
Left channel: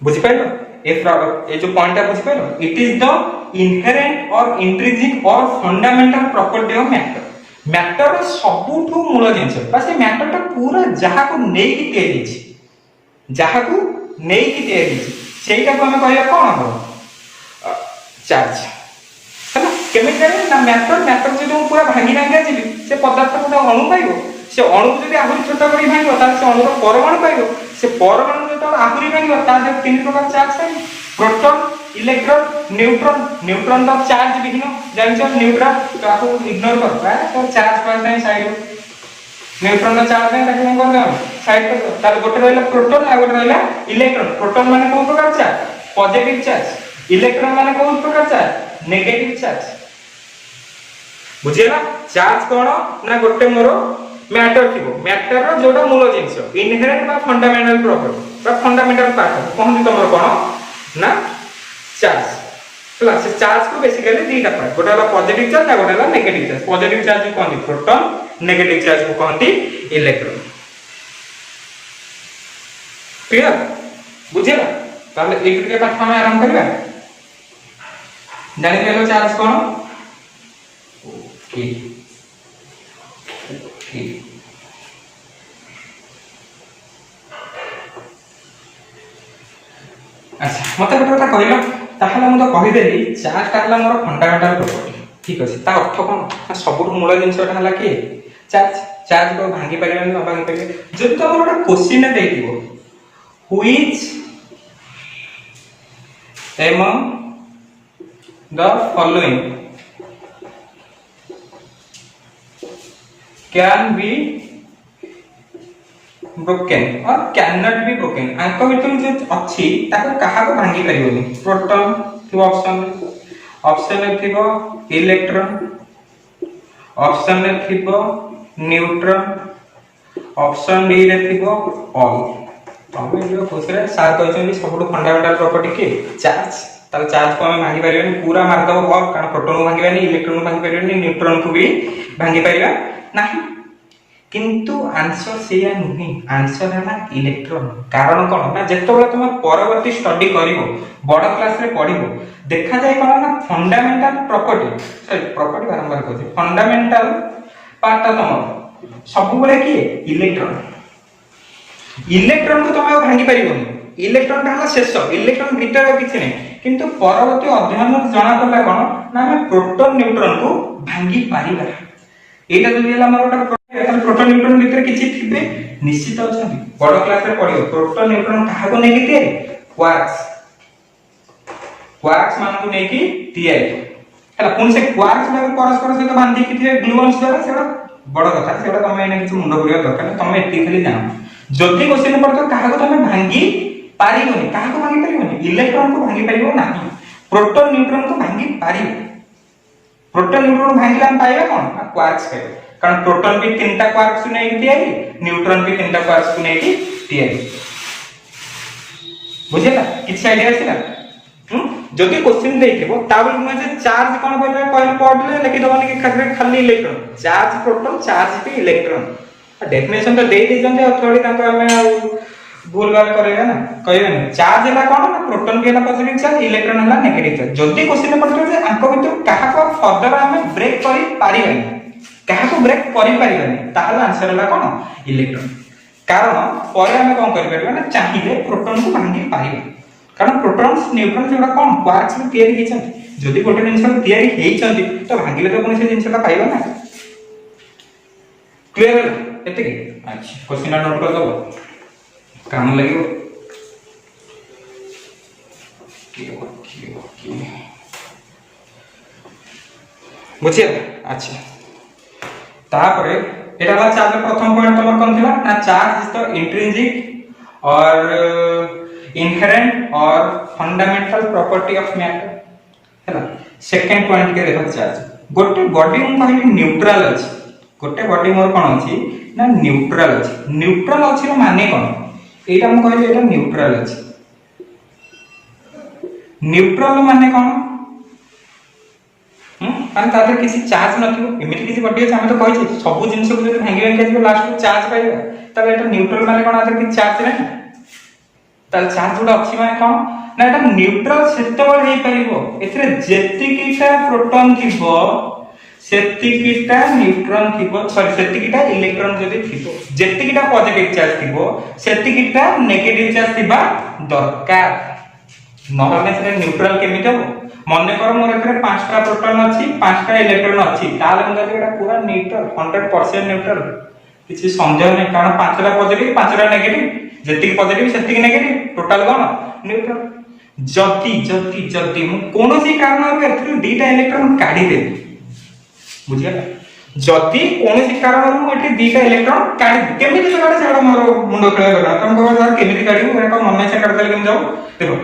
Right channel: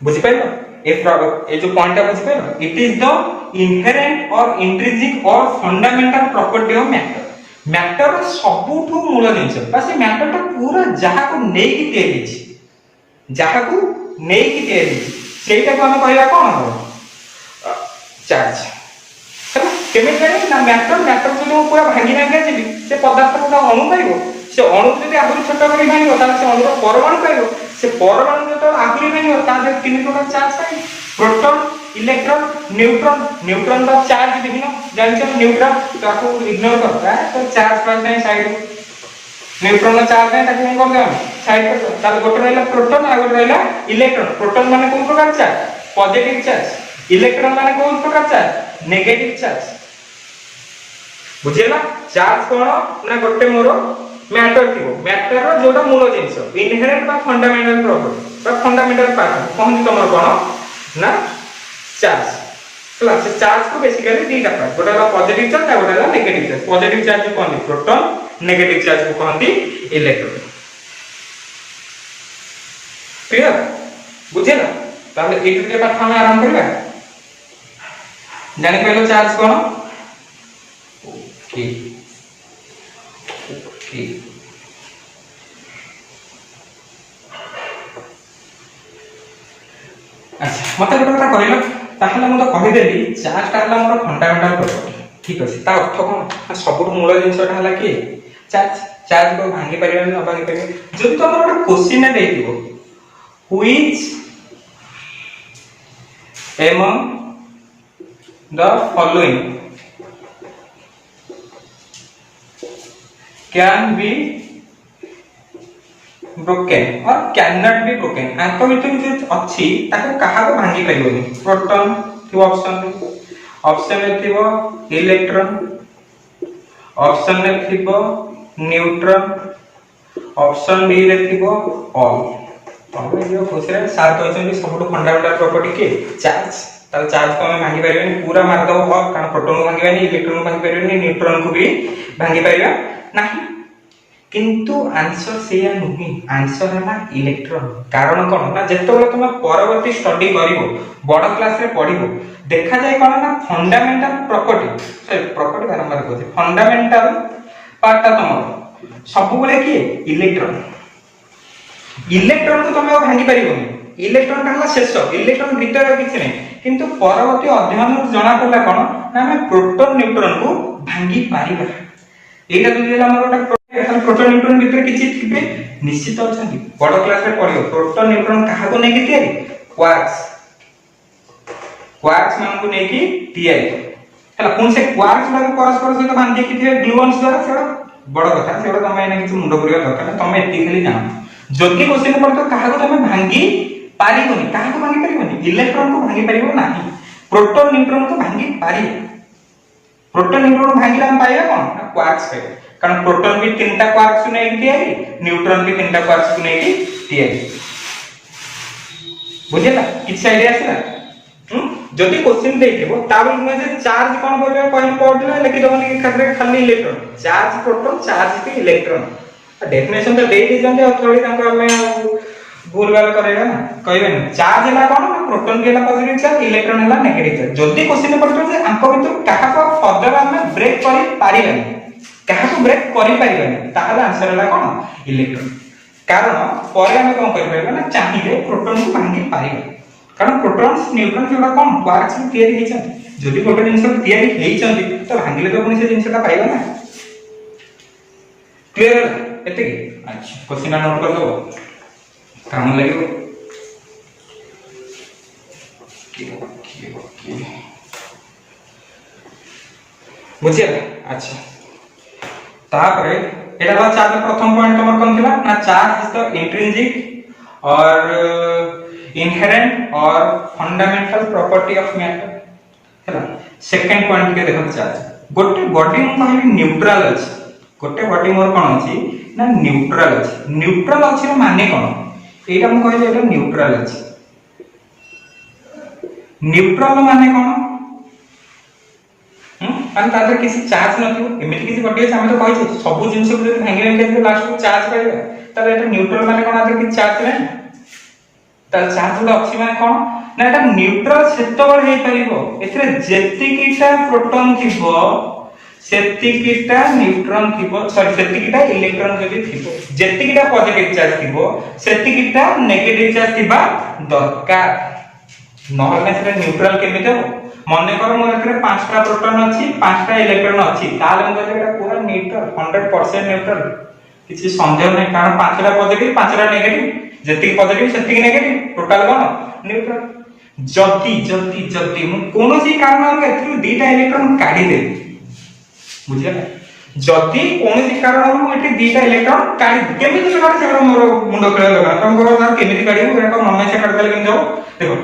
बुझि पाइलो ए जो पॉइंट है बुझि पाइलो इट इज द इनहेरेंट और इंट्रिंसिक और fundamental property of matter matter सबुठु मूल जिंस बस मैटर ता पूरा जहा को नै कि तैयारी छी जहा को नै कि तैयारी सेटा को हम कहला कोन हो चार्ज चला केमे जाने ना मैटर जो पूरा भांगी भांगी छी से पदार्थ को अणु पाइबो से अणु जदि आहुरी छोटा करी भांगो ता से अणु परमाणु पाइबो से परमाणु जत आहुरी भांगो ता जे तीन प्रकार चार्ज पाइ प्रोटॉन इलेक्ट्रॉन न्यूट्रॉन का चार्ज विभिन्न जानछो न्यूट्रॉन ताको इग्नोर करता है तो चार्ज पास नहीं साइड न्यूट्रॉन का चार्ज है ताको हम कर साइड कर ताले गोटे रहला प्रोटॉन आ गोटे रहला इलेक्ट्रॉन प्रोटॉन माने कोन प्रकार चार्ज पॉजिटिव चार्ज इलेक्ट्रॉन माने कोन प्रकार चार्ज नेगेटिव चार्ज बुझिए ना चार्ज कोन ना गोटे मोर मैटर थी मैटर रो जोटा मूल जिंस इनहेरेंट बा फंडामेंटल प्रॉपर्टी बा फंडामेंटल पार्ट कहन तमर कोन ना चार्ज प्लस से चार्ज को बेसिकली दी का पार्ट गोटा पॉजिटिव चार्ज आ गोटा नेगेटिव चार्ज पॉजिटिव चार्ज को कहन प्रोटॉन नेगेटिव चार्ज को कहन इलेक्ट्रॉन क्लियर बुझेला ताले एक के पाठ हम आरंभ करिया जानि पहले चार्ज कोन ओके ओके अच्छा मते गोटे कथा कहलो ताहले हम तो कहि देली चार्ज ता हला मोर फंडामेंटल प्रॉपर्टी ठीक अछि ता अर्थ कोन सबुठ मूल जिंसटा हला कि चार्ज चार्ज को भांगी परिबे न भांगी परिबे जदि तो हमर क्वेश्चन दे दिबो which among the following can be broken or cannot be broken आंक भितर जे अछि ताको कहा को भांगी परिबोनी प्रोटॉन थि ऑप्शन में थिबो इलेक्ट्रॉन ऑप्शन में थिबो न्यूट्रॉन ऑप्शन बी रे थिबो ऑल तमे जो क्वेश्चन सार कहछन सबुठ फंडामेंटल प्रॉपर्टी के चार्ज तार चार्ज को हम भांगी परिबेनी पूरा मार दो और कारण प्रोटॉन को भांगी परिबेनी इलेक्ट्रॉन को भांगी परिबेनी न्यूट्रॉन को भी भांगी परिबा नाही किंतु आंसर सेया नहीं आंसर है ना इलेक्ट्रॉन कारण कोन ना जेतबेले तुम परवर्ती स्टडी करिवो बड़ क्लास रे पढिवो देखा जाय कोन ना फंडामेंटल प्रॉपर्टी सॉरी प्रॉपर्टी बारंबार कहछि फंडामेंटल पार्ट तुम सब बेले की इलेक्ट्रॉन इलेक्ट्रॉन को तुम भांगी परिबोनी इलेक्ट्रॉन हला शेष इलेक्ट्रॉन भीतर किछि नै किंतु परवर्ती अध्ययन जणा पड़ला कोन ना हम प्रोटॉन न्यूट्रॉन को भांगी पारिबा एटा तो दिला हमर ओटा प्रोटॉन न्यूट्रॉन भीतर किछि थिबे निश्चित अछंती बड़ क्लास रे पढियो प्रोटॉन न्यूट्रॉन काहा को नेकी तयारी क्वार्क्स क्वार्क्स मान को नेकी तयारी हला कोन से क्वार्क्स लगे परस्पर सहित बांधी कि थे ग्लूअन्स द्वारा सेडा बड़ कथा सेडा तमे एना किछि मुंड करिया दरकार तमे एति खाली जानो जदि क्वेश्चन पड़तो काहा को तमे भांगी पारिबोनी काहा को भांगी पारिबोनी इलेक्ट्रॉन को भांगी पारिबो नाही प्रोटॉन न्यूट्रॉन को भांगी पारिबो प्रोटॉन न्यूट्रॉन भांगीला हम पाइबा कोन ना क्वार्क्स पाइबा कारण प्रोटॉन भी तीनटा क्वार्क्स नै तयारी न्यूट्रॉन भी तीनटा क्वार्क्स नै तयारी बुझेला किछ आईडिया आछला जदि क्वेश्चन देथिबो ताबे न जे चार्ज कोन बोलबे कोन पढले लिखि देबनी कि खाली खाली इलेक्ट्रॉन चार्ज प्रोटॉन चार्ज भी इलेक्ट्रॉन डेफिनेशन तो दे दी जंदे थोड़ी ताको हमें भूल भाल करेगा ना कहबे ना चार्ज हला कोन ना प्रोटॉन के हला पॉजिटिव चार्ज इलेक्ट्रॉन हला नेगेटिव चार्ज जदि क्वेश्चन पड़तो जे अंक बिंदु काहा को फर्दर हमें ब्रेक करि पारिबानी काहा को ब्रेक करि पारिबानी ताहला आंसर हला कोन इलेक्ट्रॉन कारण परे हम कोन करि परबा ना चाहिए प्रोटॉन को भांगी पारिबा कारण प्रोटॉन्स न्यूट्रॉन जोडा कोन क्वार्क्स में तयारी हेछन जदि गोटे जिंस तयारी हेछन तो भांगीले तो कोन से जिंसटा पाइबा ना क्लियर है एते अच्छा क्वेश्चन नोट कर दो काम लगे बुझे अच्छा तापरे एटा बा चार्ज प्रथम पॉइंट तमर कोन थिला ना चार्ज इज द इंट्रिंसिक और इनहेरेंट और फंडामेंटल प्रॉपर्टी ऑफ मैटर हैला सेकंड पॉइंट के देखो चार्ज गोटे बॉडी हम कहली न्यूट्रल अछि गोटे बॉडी मोर कोन अछि ना न्यूट्रल अछि न्यूट्रल अछि माने कोन एटा हम कहली एटा न्यूट्रल अछि न्यूट्रल माने कोन माने तादे किसी चार्ज नथियो एमिति किसी बॉडी हम तो कहै छी सब जिंस को जदि भांगी भांगी के लास्ट में चार्ज पाइबा तबे एटा न्यूट्रल माने कोन आदर किसी चार्ज नै ताल चार्ज उडा अछि माने कोन ना एटा न्यूट्रल सेतबळ हे परिबो एथरे जेतिकिटा प्रोटॉन थिबो सेतिकिटा न्यूट्रॉन थिबो सॉरी सेतिकिटा इलेक्ट्रॉन जदि थिबो जेतिकिटा पॉजिटिव चार्ज थिबो सेतिकिटा नेगेटिव चार्ज थिबा दरकार नहले से न्यूट्रल केमिति हो मन कर मोर एथरे 5टा प्रोटॉन अछि 5टा इलेक्ट्रॉन अछि ताल अंदर एटा पूरा न्यूट्रल 100% न्यूट्रल किछि संदेह नै कारण 5टा पॉजिटिव 5टा नेगेटिव जेतिक पॉजिटिव सेतिक नेगेटिव टोटल कोन न्यूट्रल जति मु कोनोसी कारण एथरे 2टा इलेक्ट्रॉन काढी दे बुझिया जति कोनोसी कारण मु एठी 2टा इलेक्ट्रॉन काढी केमिति काढी सेडा मोर मुंड खराब होला तुम को तार केमिति काढिबो एटा मन से काढ केम जाओ देखो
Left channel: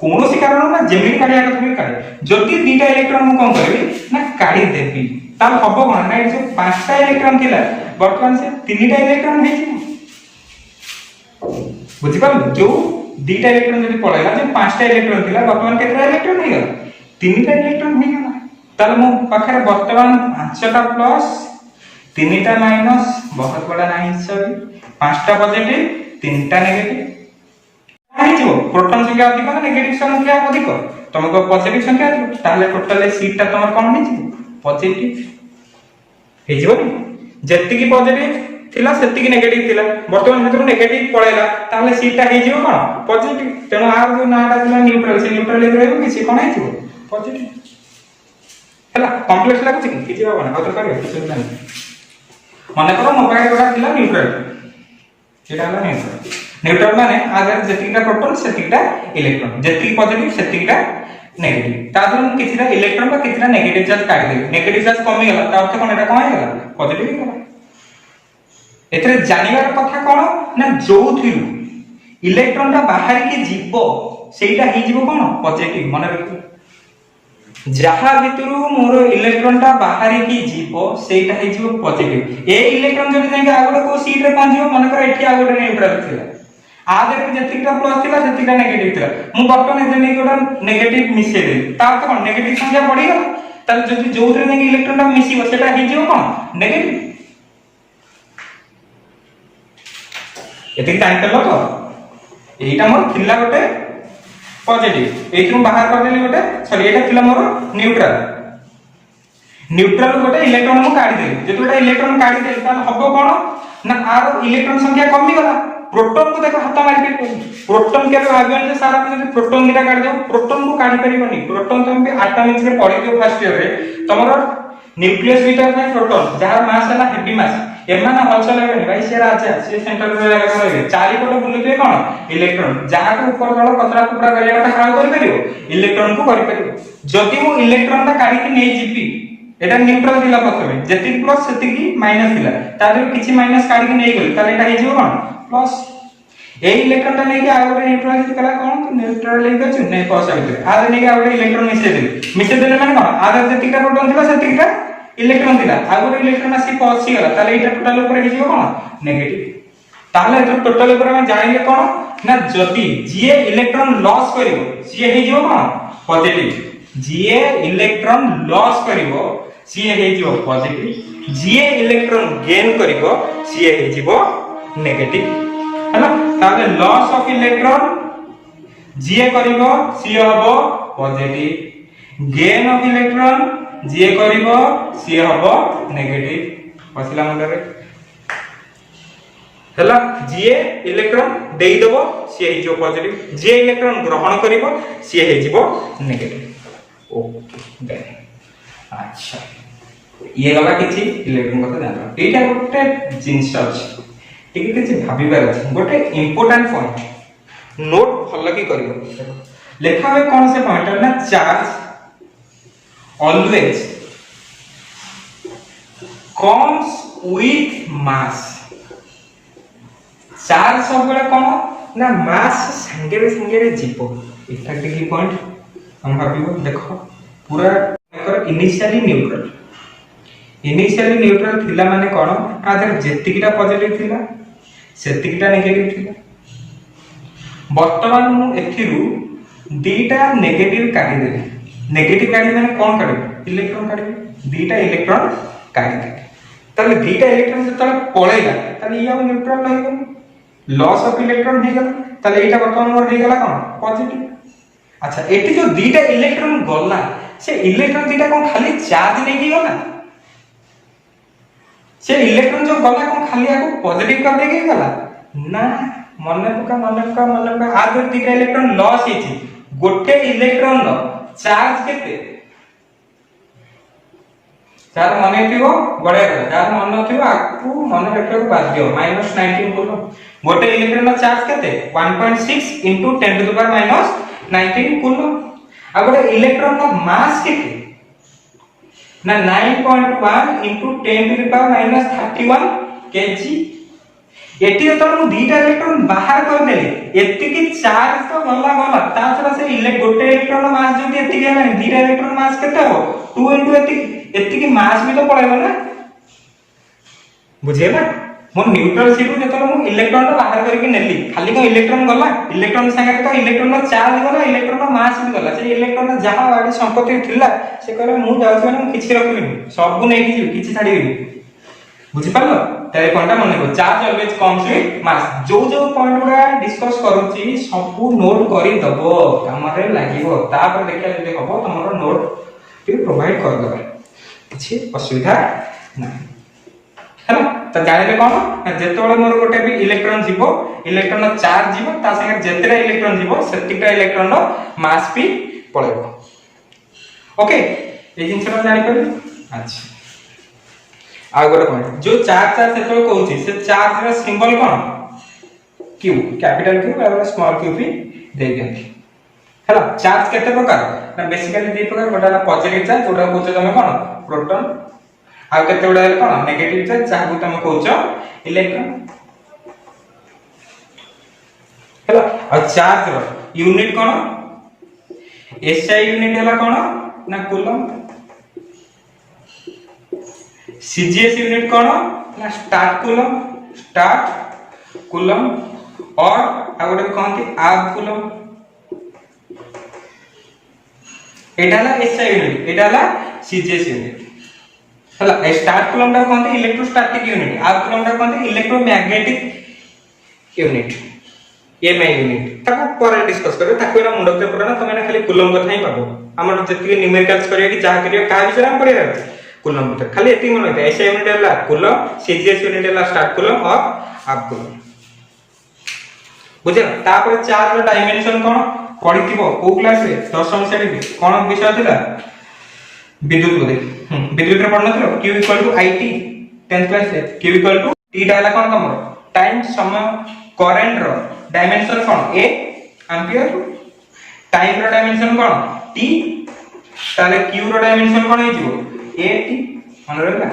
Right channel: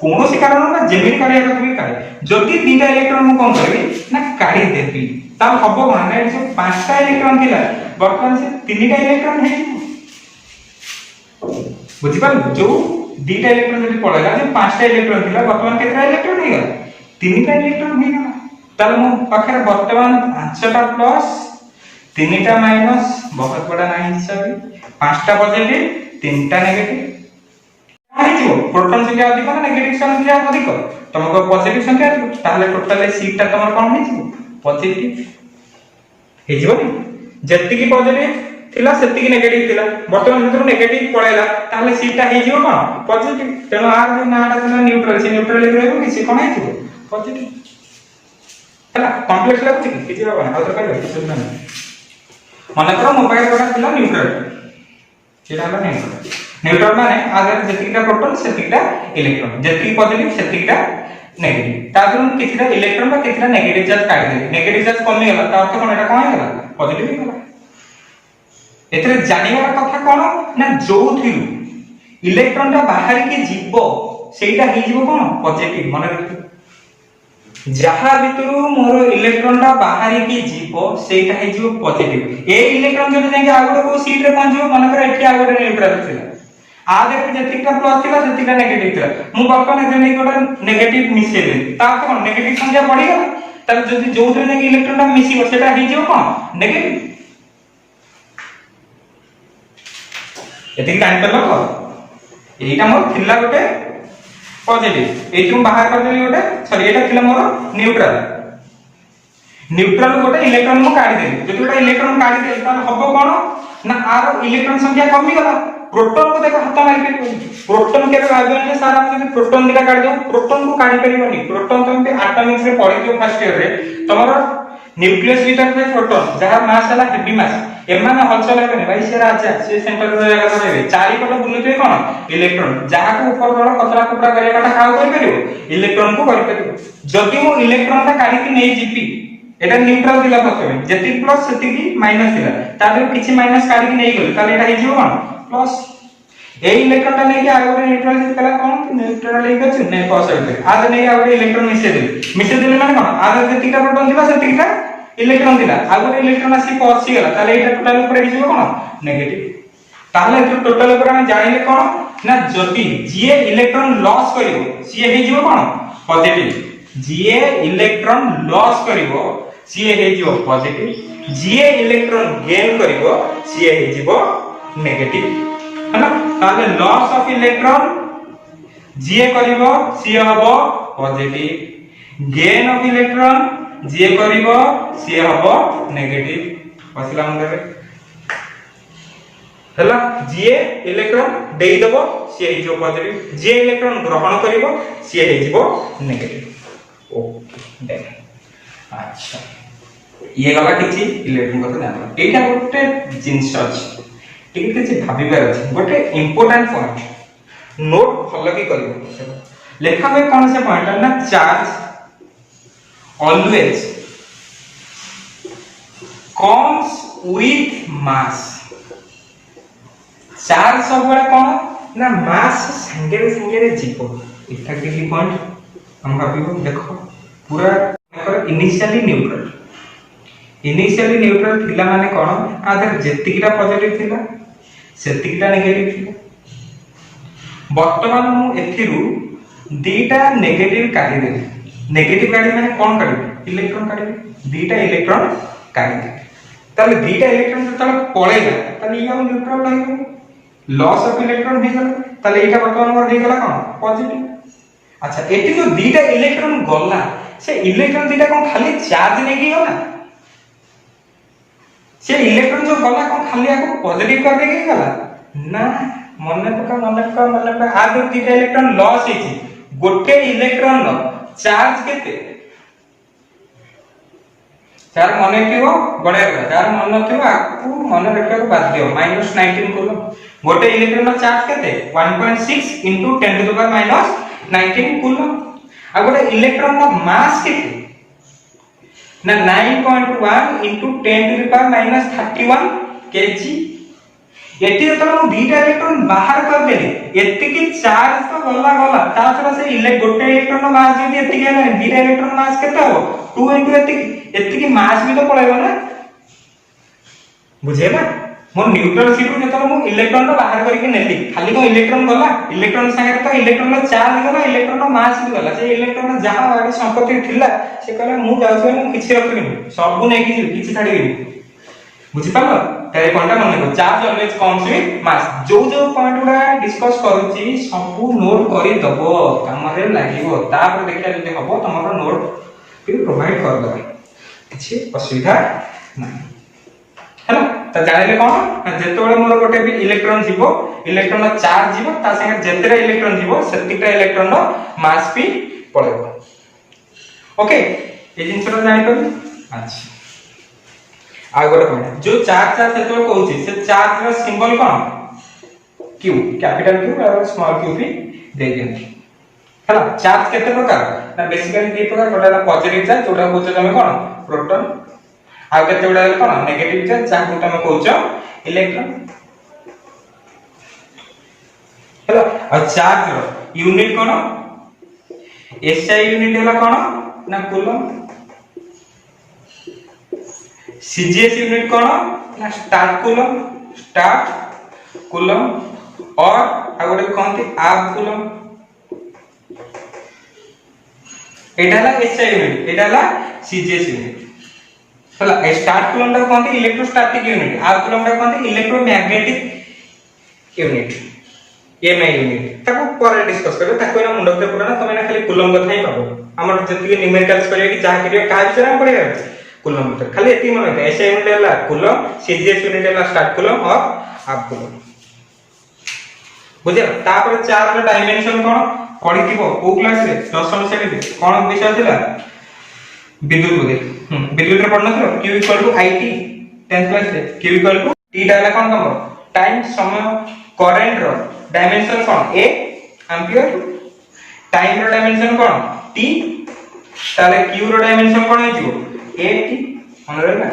कोनोसी कारण ना जेमिति काढिया का तुम काढे जति 2टा इलेक्ट्रॉन मु कोन करबी ना काढी देबी तब हबो कोन ना जो 5टा इलेक्ट्रॉन थिला बर्तमान से तीनटा इलेक्ट्रॉन हे बुझी पाल जो दुईटा इलेक्ट्रॉन जब पड़ेगा जो पांचटा इलेक्ट्रॉन थिला वर्तमान केतरा इलेक्ट्रॉन हे गला तीनटा इलेक्ट्रॉन हे गला ताल मो पाखरे वर्तमान पांचटा प्लस तीनटा माइनस बहुत बड़ा नहीं सॉरी पांचटा पॉजिटिव तीनटा नेगेटिव प्रोटॉन संख्या अधिक ना नेगेटिव संख्या अधिक तुमको पॉजिटिव संख्या ताले टोटल सीटा तमर कोन नै पॉजिटिव हे जिवो जत्ति की पॉजिटिव थिला सेत्ति की नेगेटिव थिला वर्तमान जेतु नेगेटिव पळैला ताले सीटा हे जिवो कोन पॉजिटिव तेनो आर जो नाडा थिला न्यूट्रल से न्यूट्रल ले रहबो कि से कोन आइ थिबो पॉजिटिव हला कॉम्प्लेक्स लागछ कि जिवो कोन आ तो कर सब नै माने करो मोबाइल कोडा थिला न्यूट्रल सेटा हला न्यूट्रल न्यूट्रल माने आदर जतिका प्रोटॉन सेतिका इलेक्ट्रॉन जति पॉजिटिव सेतिका नेगेटिव तादरन किछरा इलेक्ट्रॉन बा किछरा नेगेटिव चार्ज काट दे नेगेटिव चार्ज कमी गेला ता अर्थ कोन एटा कोन गेला पॉजिटिव गेला एतरे जानिबार कथा कोन ना जोथिरु इलेक्ट्रॉन ता बाहर के जीवो सेटा हे जीवो कोन पॉजिटिव मन रखि जहा भितरु मोर इलेक्ट्रॉन ता बाहर के जीवो सेटा हे जीवो पॉजिटिव ए इलेक्ट्रॉन जदि जाके आगोडे को सीट रे पांजियो मन कर एठी आगोडे न्यूट्रल थिला आगे जतिका प्लस थिला जतिका नेगेटिव थिला मु बर्तमान एते नै गोटा नेगेटिव मिसे दे ता कोन नेगेटिव संख्या बढ़ी गला तब जदि जोथरे नै इलेक्ट्रॉन ता मिसिबो सेटा हे जीवो कोन नेगेटिव एति टाइम करलो तो एटा मोर थिला गोटे पॉजिटिव एथु बाहर कर देली गोटे सॉरी एटा थिला मोर न्यूट्रल न्यूट्रल गोटे इलेक्ट्रॉन मु काढी देली जेतुटा इलेक्ट्रॉन काढी देली ता हबो कोन ना आरो इलेक्ट्रॉन संख्या कमी गला प्रोटॉन को देखो हाथ मारि के प्रोटॉन के भागन जे सारा हम प्रोटॉन दिला काढ दो प्रोटॉन को काढी परिबनी प्रोटॉन तुम के एटॉमिक्स रे पढि दियो फर्स्ट ईयर रे तमरो न्यूक्लियस लीटर बाय प्रोटॉन जहां मास हला हेवी मास एमाने हलचल हेबे भाई से राजा से सेंटर रे रहबे चारि पट बुलुते कोन इलेक्ट्रॉन जहां को ऊपर तळ कचरा कुपड़ा करे कथा काउ करि परियो इलेक्ट्रॉन को करि परियो जदि मो इलेक्ट्रॉन ता काढी के नै जीपी एटा न्यूट्रल दिला प्रथमे जेति प्लस सेति की माइनस दिला तादर किछि माइनस काढी के नै गेल ताले एटा हे जिवो कोन प्लस ए इलेक्ट्रॉन ता नै के आगोरे न्यूट्रल से कला कोन न्यूट्रल ले गछ नै पॉजिटिव करे आदे नै आगोरे इलेक्ट्रॉन मिसे देले माने कोन आदर जेतिका प्रोटॉन दिला सेतिका इलेक्ट्रॉन दिला आगोरे इलेक्ट्रॉन आसी पहुंची गला ताले एटा टोटल ऊपर हे जिवो कोन नेगेटिव ताले जो टोटल ऊपर हम जानिले कोन ना जति जे इलेक्ट्रॉन लॉस करिवो सी हे जिवो कोन पॉजिटिव जे इलेक्ट्रॉन लॉस करिवो सी हे जिवो पॉजिटिव जे इलेक्ट्रॉन गेन करिवो सी हे जिवो नेगेटिव हला ताले लॉस ऑफ इलेक्ट्रॉन जे करिवो सी हबो पॉजिटिव गेन ऑफ इलेक्ट्रॉन जे करिवो सी हबो नेगेटिव पसला मंदरे हला जे इलेक्ट्रॉन देई देबो सी हे जिवो पॉजिटिव जे इलेक्ट्रॉन ग्रहण करिवो सी हे जिवो नेगेटिव ओके देन अच्छा ये गला किछि इलेक्ट्रॉन कथा जानो एटा गोटे जिंस अछि ठीक है जे भाबिबार अछि गोटे इंपोर्टेंट पॉइंट नोट भलो की करिवो लेखा हुए कौन से पॉइंट ना charge always comes with mass charge सब बळे कोन ना मास संगे जीवो एटा के पॉइंट हम भाबिबो देखो पूरा इनिशियली न्यूट्रल थिला माने कोन आदर जेतिकिटा पॉजिटिव थिला सेतिकिटा नेगेटिव थिला वर्तमान मु एथिरु दीटा नेगेटिव काढी देले नेगेटिव काढी माने कोन काढी इलेक्ट्रॉन काढी दीटा इलेक्ट्रॉन काढी ताले दीटा इलेक्ट्रॉन जतले पळेगा ताले या न्यूट्रल लागो लॉस ऑफ इलेक्ट्रॉन हे गला ताले एटा वर्तमान मोर हे गला कोन पॉजिटिव अच्छा एटी जो दीटा इलेक्ट्रॉन गला से इलेक्ट्रॉन दीटा कोन खाली चार्ज नेकी गला से इलेक्ट्रॉन जो गला कोन खाली आको पॉजिटिव कर देके गला ना मने पका आ जो दीटा इलेक्ट्रॉन लॉस हेची गोटे इलेक्ट्रॉन रो चार्ज केते कार मने थिवो गडे कार मन थिवो आकु मने रखियो बाध्य -19 कोलो गोटे इलेक्ट्रॉन रो चार्ज केते 1.6 into 10 to the power -19 कोलो आ गोटे इलेक्ट्रॉन रो मास केते ना 9.1 into 10 to the power -31 kg eighty तो मु दीटा इलेक्ट्रॉन बाहर कर देली एति की चार्ज तो गला ता छरा से गोटे इलेक्ट्रॉन रो मास जेती एति के माने दीटा इलेक्ट्रॉन मास केते हो 2 into एति की मास भी तो पळेबो ना बुझेला मो न्यूट्रल सीट रो जतले मो इलेक्ट्रॉन रो बाहर करके नेली खाली को इलेक्ट्रॉन गला इलेक्ट्रॉन संगे तो इलेक्ट्रॉन रो चार्ज गला इलेक्ट्रॉन रो मास भी गला से इलेक्ट्रॉन जहां आडी संपत्ति थिला से कहले मु जाउछ न किछि रखबिनी सब नै किछि छाडीबिनी बुझि पालो तारे कोनटा मन को charge always comes with mass जो जो पॉइंट उडा डिस्कस करूची सब नोट करी दबो काम रे लागिवो तापर देखला जदी हबो तमरो नोट भी प्रोवाइड कर दो किछि असुविधा नै हैला त जानिले कोन जेतोळे मोर गोटे भी इलेक्ट्रॉन जीवो इलेक्ट्रॉन रो चार्ज जीवो ता संगे जेतरे इलेक्ट्रॉन जीवो सेतिटा इलेक्ट्रॉन रो मास भी पळेबो ओके ए जिंसरा जानि परि अच्छा आगोर पॉइंट जो चार्ज चार्ज सेतोळे कहूची से चार्ज रो सिंबल कोन q कैपिटल q और स्मॉल q भी दे दियंती हैला चार्ज केते प्रकार ना बेसिकली दी प्रकार गोटा पॉजिटिव चार्ज जोटा कहूछ तमे कोन प्रोटॉन आ केते उडा कोन नेगेटिव चार्ज जाको तमे कहूछ इलेक्ट्रॉन हैला और चार्ज रो यूनिट कोन एसआई यूनिट हैला कोन ना कूलम सीजीएस यूनिट कोन ना स्टार्ट कूलम और आगोटे कहंती आर्क कूलम एटाला एसआई यूनिट एटाला सीजीएस यूनिट हला स्टार्ट कूलम टा कहंती इलेक्ट्रोस्टैटिक यूनिट आर्क कूलम टा कहंती इलेक्ट्रोमैग्नेटिक यूनिट एमआई यूनिट ताको पर डिस्कस करबे ताको ना मुंडक पुराना तमे खाली कूलम कथा ही पाबो हमर जति न्यूमेरिकल्स करबे कि जा करियो का विषय हम पढे कूलम मीटर खाली एती मन है एसआई यूनिट हला कूलम सीजीएस यूनिट हला स्टार्ट कूलम और आर्क कूलम बुझे तापर चार्ज रो डायमेंशन कोन पढिथिबो को क्लास रे दशम श्रेणी रे कोन विषय थिला विद्युत बुद्धि विद्युत रे पढना थलो q = it 10th क्लास रे q = t डाला कोन हमर टाइम समय करंट रो डायमेंशन कोन a एंपियर टाइम रो डायमेंशन कोन t ताले q रो डायमेंशन कोन हिजिवो a t मन रहला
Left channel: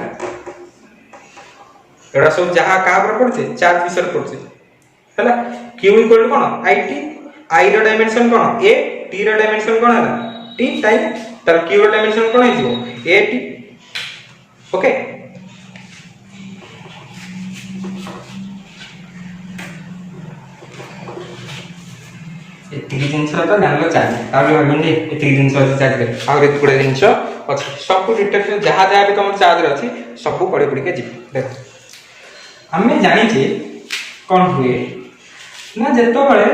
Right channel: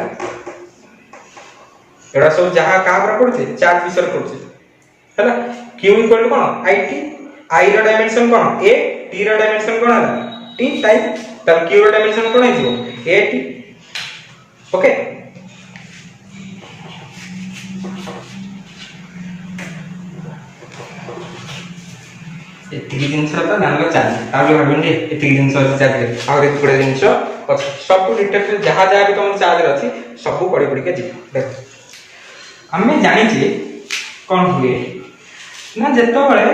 एरा सब जहां का पर पड़छे चार्ज विषय पड़छे हैला q = कोन it I रो डायमेंशन कोन a t रो डायमेंशन कोन है t टाइम त q रो डायमेंशन कोन हिजिवो a t ओके एतिक जिंस तो नालो चार्ज ताबे भाबन जे एतिक जिंस चार्ज और एक पुरे जिंस सब डिटेक्टर जहां जहां भी तुम चार्ज अछि सब पड़े पड़ के जी देखो हमें जानि जे कोन हुए ना जेतो बळे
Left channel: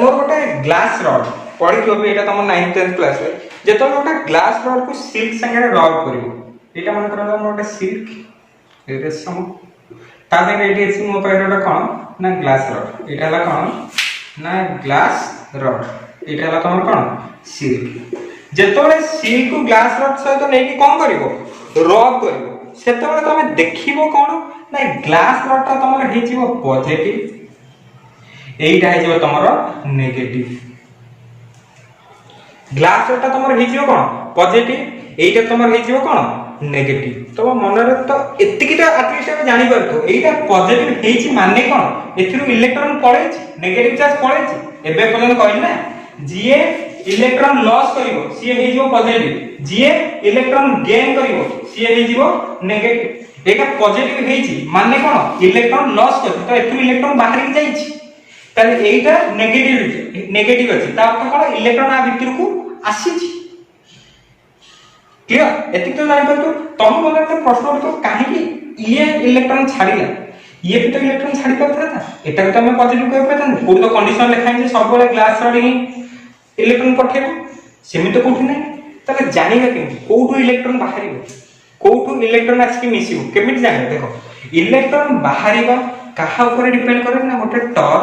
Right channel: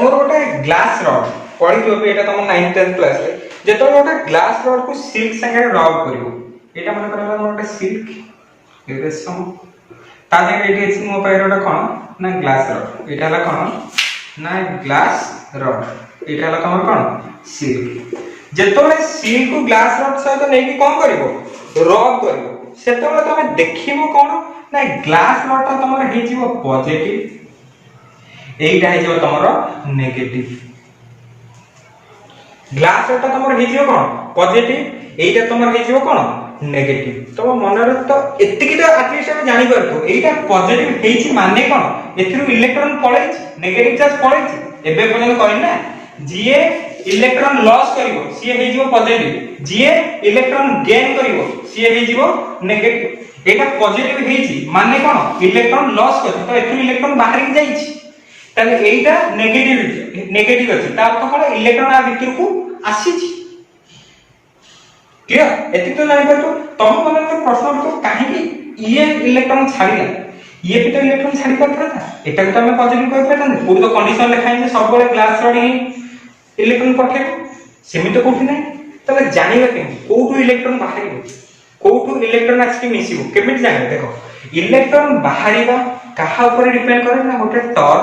मोर गोटे ग्लास रॉड पड़ी जो भी एटा तुम 9th 10th क्लास रे जेतो गोटे ग्लास रॉड को सिल्क संगे रब करियो एटा मन करला गोटे सिल्क रेशम ता जगह एटी अछि मो पायरोटा कोन ना ग्लास रॉड एटा ला कोन ना ग्लास रॉड एटा ला तुम कोन सिल्क जेतोले सिल्क को ग्लास रॉड सहित नै कि कोन करिवो रब करिवो सेतोले तुम देखिबो कोन ना ग्लास रॉड ता तुम हेजिवो पॉजिटिव एटा हेजिवो तुमरो नेगेटिव ग्लास रॉड ता तुमरो हेजिवो कोन पॉजिटिव एटा तुमरो हेजिवो कोन नेगेटिव तो मन रे तो एतिकी तो एटलीस्ट जानि परथो एटा पॉजिटिव हेछि माने कोन एथिरु इलेक्ट्रॉन पळेछि नेगेटिव चार्ज पळेछि एबे कोन कहले ना जीए इलेक्ट्रॉन लॉस करिवो सी हेजिवो पॉजिटिव जीए इलेक्ट्रॉन गेन करिवो सी हेजिवो नेगेटिव एटा पॉजिटिव हेछि माने कोन इलेक्ट्रॉन लॉस कर तो एथिरु इलेक्ट्रॉन बाहर जाइछि तले एटा नेगेटिव अछि ता अर्थ कोन इलेक्ट्रॉन आ भीतर को आसीछि क्लियर एति तो जानि परतो तम मन तो प्रश्न तो काहे कि ये इलेक्ट्रॉन छाडिला ये भी तो इलेक्ट्रॉन छाडी परता था एटा तो हमें पॉजिटिव कह परता कोन तो कंडीशन लिखा है सब बळे ग्लास रॉड ही इलेक्ट्रॉन पठेबो सेमि तो कोठी नै तले जानिबा के कोठु इलेक्ट्रॉन बाहरिबो कोठु इलेक्ट्रॉन आछि मिसिबो केमिति जाने देखो इलेक्ट्रॉन बाहरिबा कहा ऊपर डिपेंड करे ना गोटे टर्म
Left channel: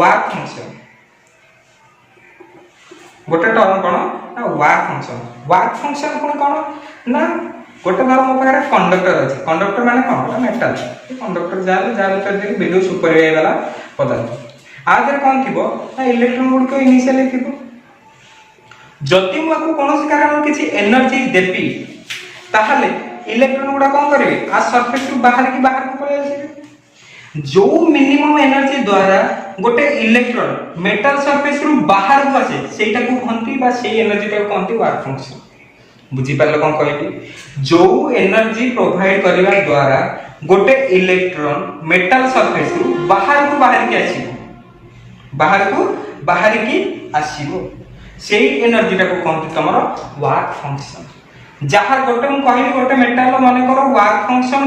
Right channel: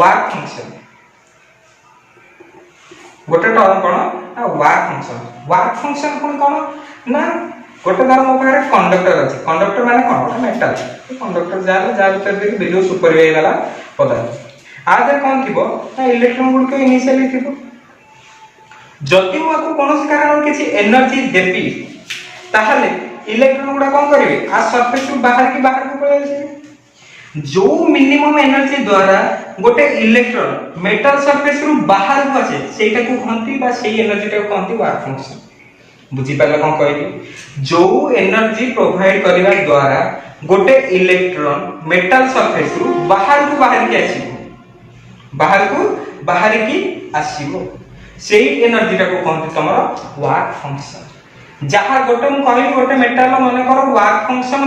वर्क फंक्शन गोटे टर्म कोन ना वर्क फंक्शन कोन ना गोटे धर मो पारे कंडक्टर अछि कंडक्टर माने कोन मेटल कंडक्टर जा भीतर देखि विद्युत सुपर वे वाला पदार्थ आदर कोन थिबो ना इलेक्ट्रॉन गुड को इनिशियली थिबो जति मको कोनोसी कारण किछि एनर्जी देबी ताहले इलेक्ट्रॉन गुडा कोन करिवे आ सरफेस को बाहर को पळे आसी जो मिनिमम एनर्जी द्वारा गोटे इलेक्ट्रॉन मेटल सरफेस रु बाहर को आसे सेटा को कहंती बा सेही एनर्जी टा कहंती वर्क फंक्शन बुझी पाल कौन कहली जो एनर्जी प्रोवाइड करने द्वारा गोटे इलेक्ट्रॉन मेटल सरफेस रु बाहर की आसीबो बाहर की आसीबो सेही एनर्जी टाको कहते तमर वर्क फंक्शन जहाँ गोटे मु कहली गोटे मेटाल माने करो वर्क फंक्शन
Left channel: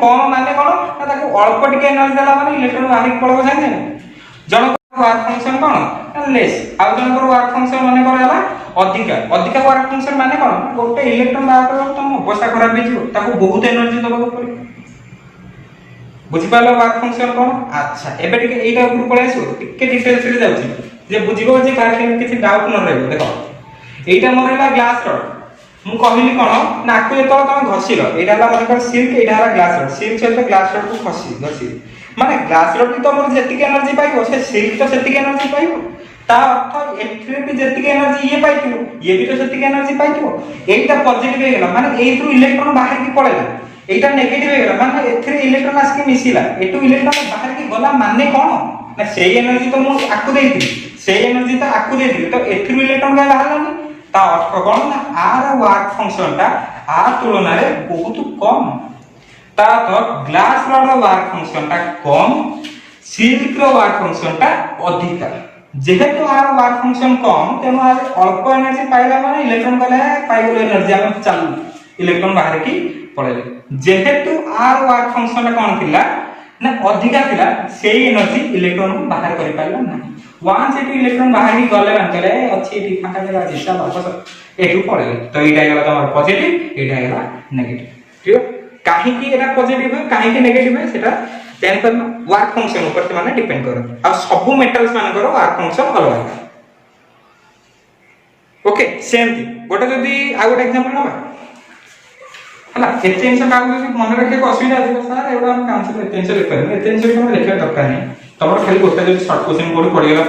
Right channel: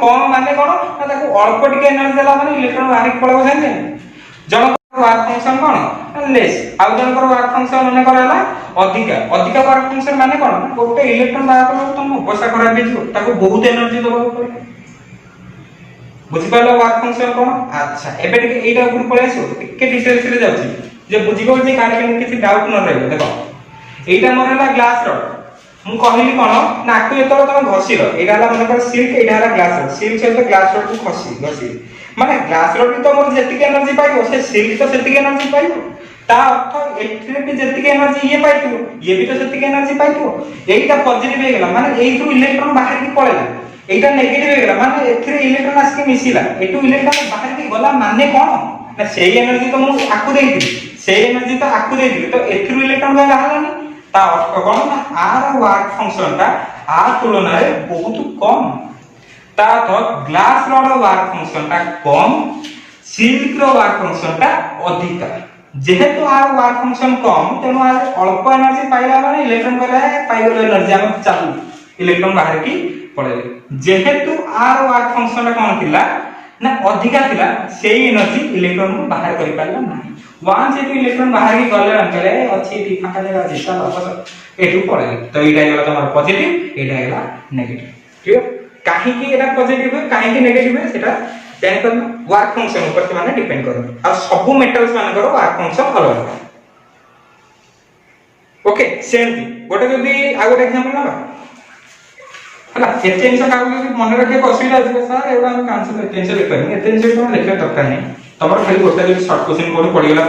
कम माने कोन ना ताको अल्प टिके एनर्जी देला माने इलेक्ट्रॉन बाहर की पळो जाने जन वर्क फंक्शन कोन लेस आउ जन वर्क फंक्शन माने करला अधिका वर्क फंक्शन माने कोन गोटे इलेक्ट्रॉन बाहर करो तुम अवस्था खराब हे जिवो ताको बहुत एनर्जी देबा पड़े बुझी पालो वर्क फंक्शन कोन अच्छा एबे टिके एटा ऊपर पळे आसो टिके डिटेल्स रे जाउची जे बुझिबो जे कार किछि डाउट न रहबो देखो एटा मोरला ग्लास रड मु कहली कोन नाक जेतो तमे घसीर एटा हला मन पर सिल्क एटा हला ग्लास रड सिल्क सहित ग्लास रड को घसी माने ग्लास रड तो मोर जेतिके एनर्जी पाइबो से सिल्क तो सेतिके एनर्जी पाइबो ता अर्थ एक्चुअली भी जेतिके एनर्जी ये पाइबो ये भी तो सेतिके एनर्जी पाइबो एटा पॉजिटिव हे गेला माने एथु इलेक्ट्रॉन बाहर की पळेला एटा नेगेटिव हे गेला माने एथिरे इलेक्ट्रॉन आस के मिसिला एटु इलेक्ट्रॉन बाहर की गला माने कोन ना सेही एनर्जी तो मु आकु देइथि सेही एनर्जी तो आकु देइथि तो एथिरु इलेक्ट्रॉन का बाहरलानी ता अर्थ कोन ना आर वर्क फंक्शन ता आ तुलना रे बहुत कम ता तो ग्लास रड वर्क फंक्शन ता कम सिल्क रो वर्क फंक्शन ता अधिक जेहेतु आर वर्क फंक्शन कम तेनु आ अल्प एनर्जी पाइला माने इलेक्ट्रॉन गला पाइगलो एनर्जी हम चालू इलेक्ट्रॉन बाहर की पळे जेहेतु आर वर्क फंक्शन कोन थिला ना अधिका थिला सेही एनर्जी इलेक्ट्रॉन को बाहर करि पाइला नाही वन से इलेक्ट्रॉन बाहर की गले रंगले अछि एठी फाका जगह अछि चलो बस एठु पळे तो एटा गेला तमर पॉजिटिव एटा गेला नेगेटिव ठीक काहे की एटा पॉजिटिव है काहे की नेगेटिव है सेटा देन तम वर्क फंक्शन ऊपर से माने डिपेंड करो आ सब मेटल्स माने करो वर्क फंक्शन अलग अलग ओके सेम थी गोटे जदी आ गोटे एग्जांपल नबा हला एतेंशन का जदी मन रखे असुविधा अछि सर एवडा हम कैंसिल एतेंशन लिख पानी एतेंशन तो लिखा दरकार नहीं तमर खाली गोटे जदी शॉर्ट क्वेश्चन कोड पड़ गेला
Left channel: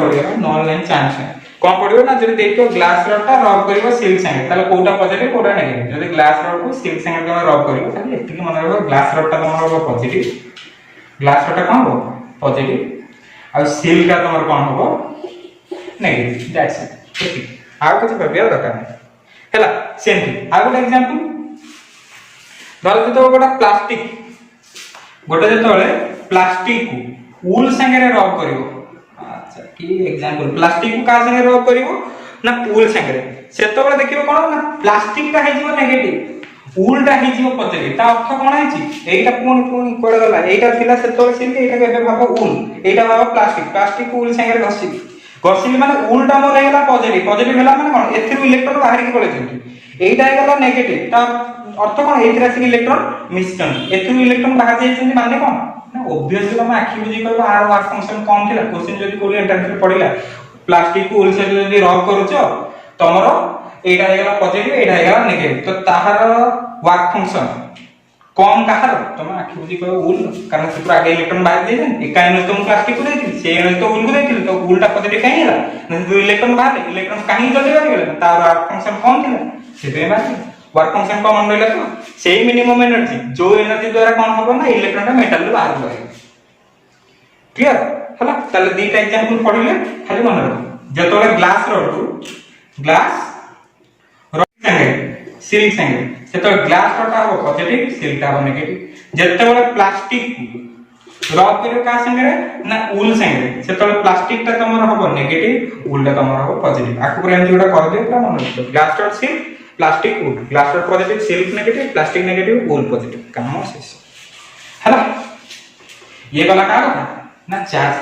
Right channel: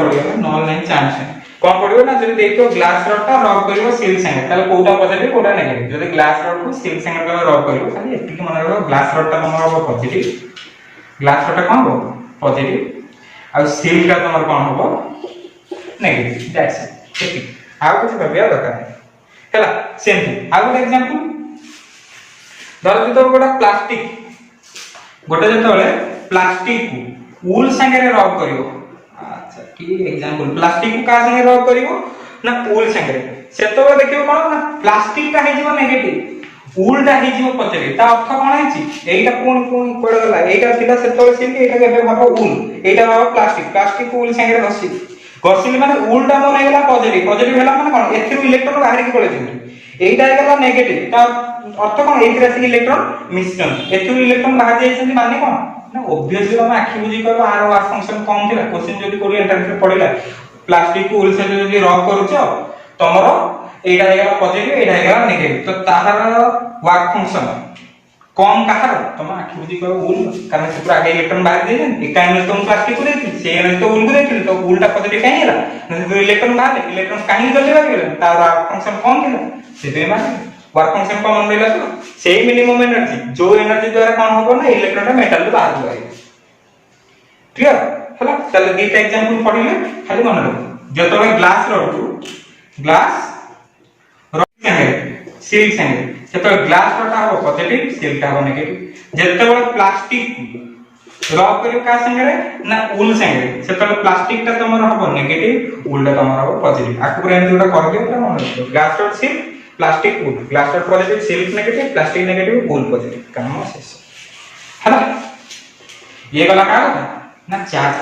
नॉन लाइन चांस है कोन पड़ियो ना जदी देखो ग्लास रड ता रब करियो सिल्क संगे ताले कोटा पॉजिटिव कोटा नेगेटिव जदी ग्लास रड को सिल्क संगे तमे रब करियो खाली एतिकी मन रखो ग्लास रड ता तमर हो पॉजिटिव ग्लास रड कोन हो पॉजिटिव आ सिल्क का तमर कोन हो नेगेटिव दैट्स इट आ कुछ भाबिया दरकार नहीं हला सेम थी आ गोटे एग्जांपल धर जो गोटे प्लास्टिक गोटे जतले प्लास्टिक को वूल संगे रब करियो अच्छा की एग्जांपल प्लास्टिक को का संगे रब करियो ना वूल संगे सेतो देखियो कोन ना प्लास्टिक का हे जो नेगेटिव वूल ता हे जो पॉजिटिव ता अर्थ कोन है एटा कोन कोड गला एटा थिला सेतो सिल्क एटा केबे भाबो वूल एटा भाबो प्लास्टिक को वूल संगे घसी माने वूल ता मोर हेला पॉजिटिव हेला माने कोन एथिरु इलेक्ट्रॉन बाहर की पळे जंती एटा हेला नेगेटिव ता अर्थ कोन एथिरा से इलेक्ट्रॉन मिशन एथिरु इलेक्ट्रॉन बाहर जाई छथि माने कोन ना ऑब्वियसली हम आखि बुझी कहबो आर वर्क फंक्शन कम थिला क्वेश्चन जदी कोरी एंट्रेंस में पड़िला प्लास्टिक को वूल से जदी रब करूचो तमरो एटा हेला पॉजिटिव एटा हेला नेगेटिव तो ताहार वर्क फंक्शन कम कहार तुम आखि बुझी कहबो वूल कारण से पूरा आगे इलेक्ट्रॉन बाहर जाई जन एकाइन तुम प्लास्टिक को देखि से एन तो वूल को देखि तो वूल ता पॉजिटिव काहे हेला न जो इलेक्ट्रॉन बाहर इलेक्ट्रॉन काहे जल्दी लागेला तार वर्क फंक्शन कम थिला सेते माने वर्क फंक्शन कम होइला तो सेही मिनिमम एनर्जी जो एनर्जी द्वारा कोन होबो ना इलेक्ट्रॉन ता मेटल रे बाहर होई क्लियर हला चलो दीटा एग्जांपल पढिले खाली मन रख जतो ग्लास रड को ग्लास रड संगे सिल्क संगे सेतो ग्लास रड हो पॉजिटिव सिल्क हो नेगेटिव जतो बडा प्लास्टिक को रब करियो का संगे ना वूल संगे सेतो प्लास्टिक ता तमर हो नेगेटिव वूल ता तमर हो पॉजिटिव आकु पर एंड जोडा कर दियो पूरा मन रख glass rod silk plastic wool glass rod positive silk negative plastic negative wool positive काम शेष हला ये गला का था ना चार्ज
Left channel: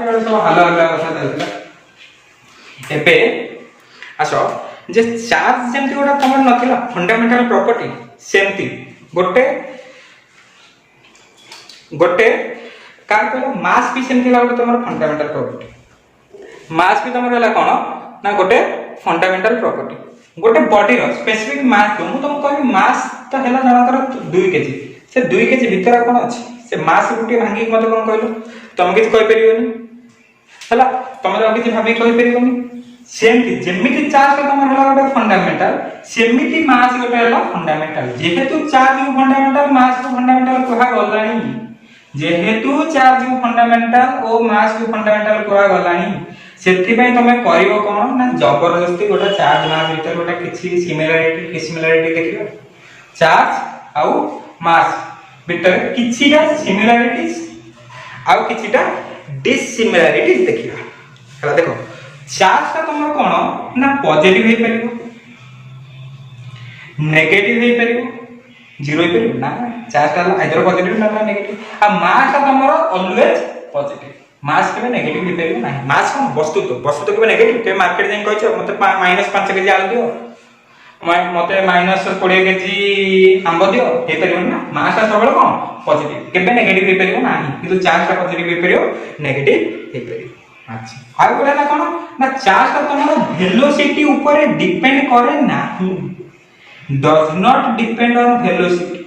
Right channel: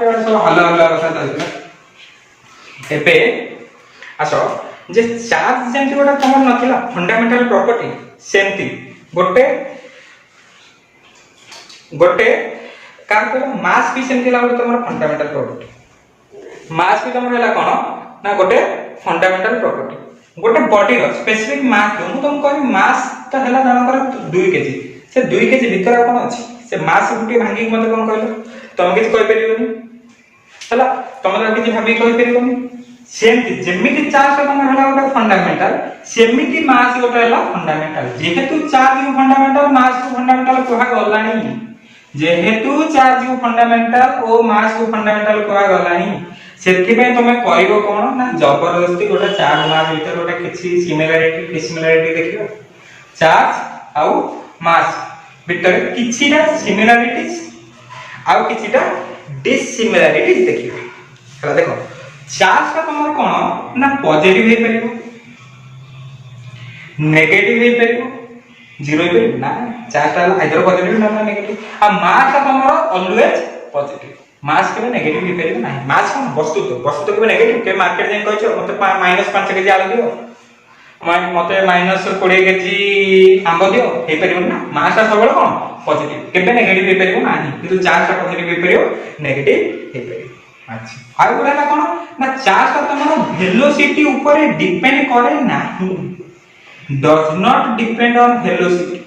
के सब हल्ला हल्ला कथा चलता एबे आसो जे चार्ज जेमति गोटा कमन नथिला फंडामेंटल प्रॉपर्टी सेमति गोटे का कहला मास भी सेमति ला गोटे तमर फंडामेंटल प्रॉपर्टी मास भी तमर होला कोन ना गोटे फंडामेंटल प्रॉपर्टी गोटे बॉडी रो स्पेसिफिक मास मु तुम कहबी मास तो हैला जनकर 2 केजी से 2 केजी भीतर कोन अछि से मास गुटे भांगी मते कोन कहलो तुम किछ कहि परियोनी हैला तुम जा किछ भाबी कहि परियोनी सेमति जेमिति चार्ज का तुम हैला गोटे फंडामेंटल सेमिति मास गोटे हैला फंडामेंटल जेहेतु चार्ज यू फंडामेंटल मास यू फंडामेंटल कहा गलानी जेहेतु चार्ज यू फंडामेंटल ओ मास यू फंडामेंटल कहा गलानी ସେଥିପାଇଁ ତମେ କରିବ କଣ ନା ଜବରଦସ୍ତି ଗୋଟେ ଚାର୍ଜ ମାସ ଭିତରେ ଗୋଟେ କିଛି ସିମିଲାରିଟି ଦେଖିବ। ଚାର୍ଜ ଆଉ ମାସ ଭିତରେ କିଛିଟା ସିମିଲାରିଟିज ଆଉ किछिटा डिसिमिलारिटीज देखिबा। हला देखो चार्ज का तमर कोन ना पॉजिटिव हे परिबो, नेगेटिव हे परिबो, जीरो हे परिबो ना। चार्ज का आइदर पॉजिटिव ना नेगेटिव। आ मास का तमर ऑलवेज पॉजिटिव। मास के नेगेटिव हे परिबो ना। मास कोन वस्तु के नेगेटिव के मार्केट जाय कहछ मते -5 केजी आलू दियो, मते -20 केजी आंब दियो हे परिबो ना। मास का सबले कोन पॉजिटिव केबे नेगेटिव हे परिबो नाही, किंतु चार्ज का पॉजिटिव हे परिबो, नेगेटिव हे परिबो। अच्छा आउ बोले ना कोन ना चार्ज का तमरो वेलोसिटी ऊपर डिपेंड करे नाही, does not depend on velocity.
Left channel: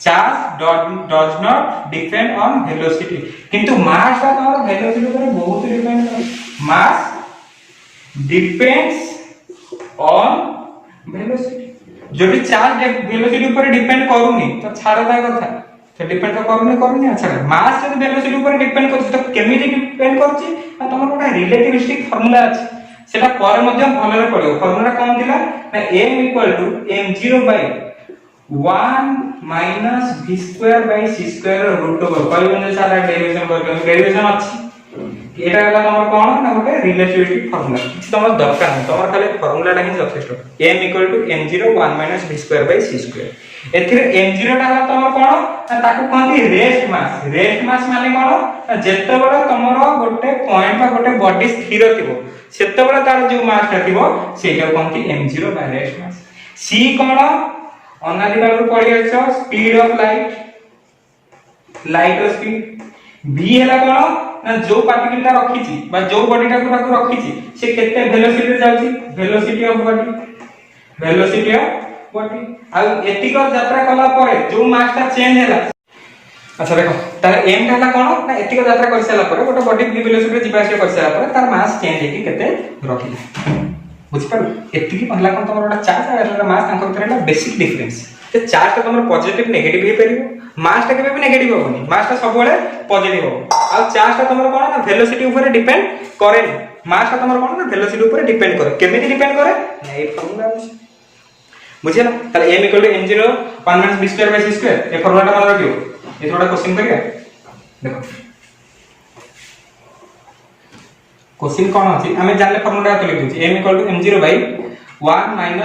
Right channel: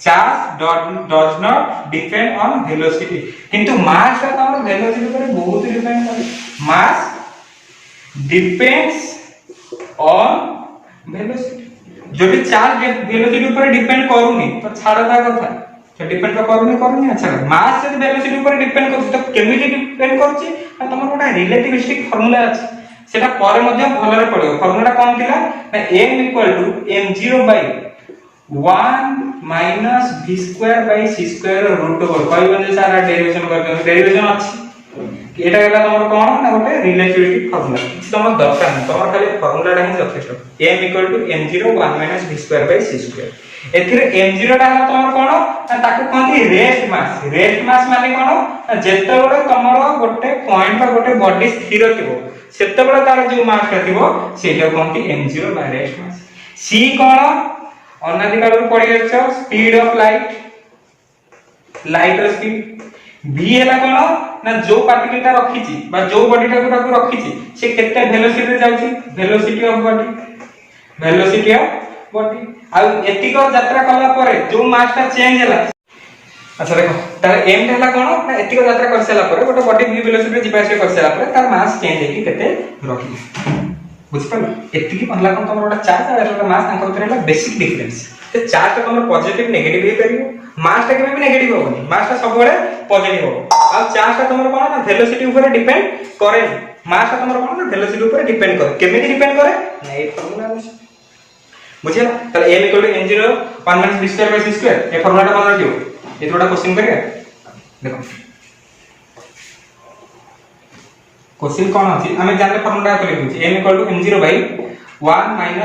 Charge does not depend on velocity, किंतु मास का तमरो वेलोसिटी ऊपर बहुत डिपेंड करे। मास डिपेंड्स ऑन वेलोसिटी। जो भी चार्ज वेलोसिटी ऊपर डिपेंड करूनी तो छाड़ा दा कथा तो डिपेंड तो करूनी। अच्छा मास से वेलोसिटी ऊपर डिपेंड करछ तो केमिति डिपेंड करछ आ तमर गोटा रिलेटिविस्टिक फार्मूला अछि, सेटा परे मध्ये भलरे पडियो। फार्मूला कोन थिला ना m = m0/1 - v²/c² root over कहबने सारा डेरिवेशन कर डेरिवेशन अछि। एटा गला तमर कोन ना गोटे रिलेटिविस्टिक फार्मूला तमर दरकार नै, तमर खाली फार्मूला टा ही यथेष्ट। m = m0 1 - v²/c²। एथिरे m0 टा हला तमर कोन ना ताकू कहंती रेस्ट मास। रेस्ट मास माने कोन ना जेते बळे तमर गोटे पॉइंट बा गोटे बॉडी स्थिर थिबो सेते बळे तार जो मास थिबो सेटा कहंती m0 बा रेस्ट मास। c कोन अनादि कालर पड़ी गेछ speed of light, light of speed. v हला कोन ना जो पार्टिकल ता रखिची बा जो बॉडी टा को रखिची से केते वेलोसिटी रे जाउची, velocity of body, velocity of body. आ एतिक यात्रा कला परे जो मास ता चेंज हला। अच्छा देखो ताले m हला कोन ना एतिक यात्रा कर सला परे गोटे बॉडी की वेलोसिटी रे जिबा से कर सला परे तार मास चेंज हेकी केते रखी। बुझ पर एतिक पहला कोन तमर गोटा चार्ज आ एटा मास तांकर भितर हला बेसिक डिफरेंस। ते चार्ज का तमर पॉजिटिव नेगेटिव हे परिबो, मास ता केबे नेगेटिव होबनी, मास ता सब बळे पॉजिटिव हो। आ चार्ज का तमर कोन ना वेलोसिटी ऊपर डिपेंड करे, मास का तमर कोन ना वेलोसिटी ऊपर डिपेंड करे। केमे डिपेंड करे ना ए फार्मूला अछि बुझे ना। ताले m = m0 1 - v²/c²। ए फार्मूला टा मन रखियो, ए थोड़ा क्वेश्चन करिया। देखो क्वेश्चन कोन अछि हमें जानले फार्मूला तो लिखि m = m0/1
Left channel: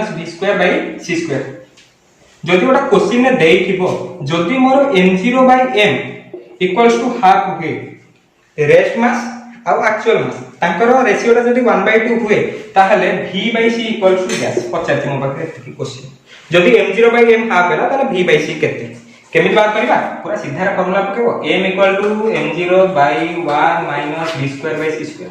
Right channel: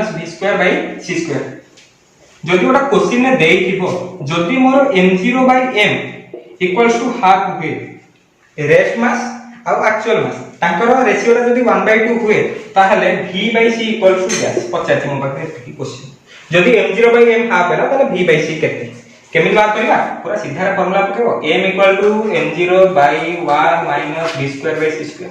- v²/c²। जदि ओटा क्वेश्चन ने देई थिबो जदि मोर m0/m = हाफ हुए रेस्ट मास आ एक्चुअल मास ताकर रेशियो टा जदि 1/2 हुए ताहले v/c = गैस 50 मो पाखे एति क्वेश्चन। जदि m0/m हाफ हैला ताले v/c केते केमिति बात करबा पूरा सीधा फार्मूला पकेबो m = m0/1 - v²/c²।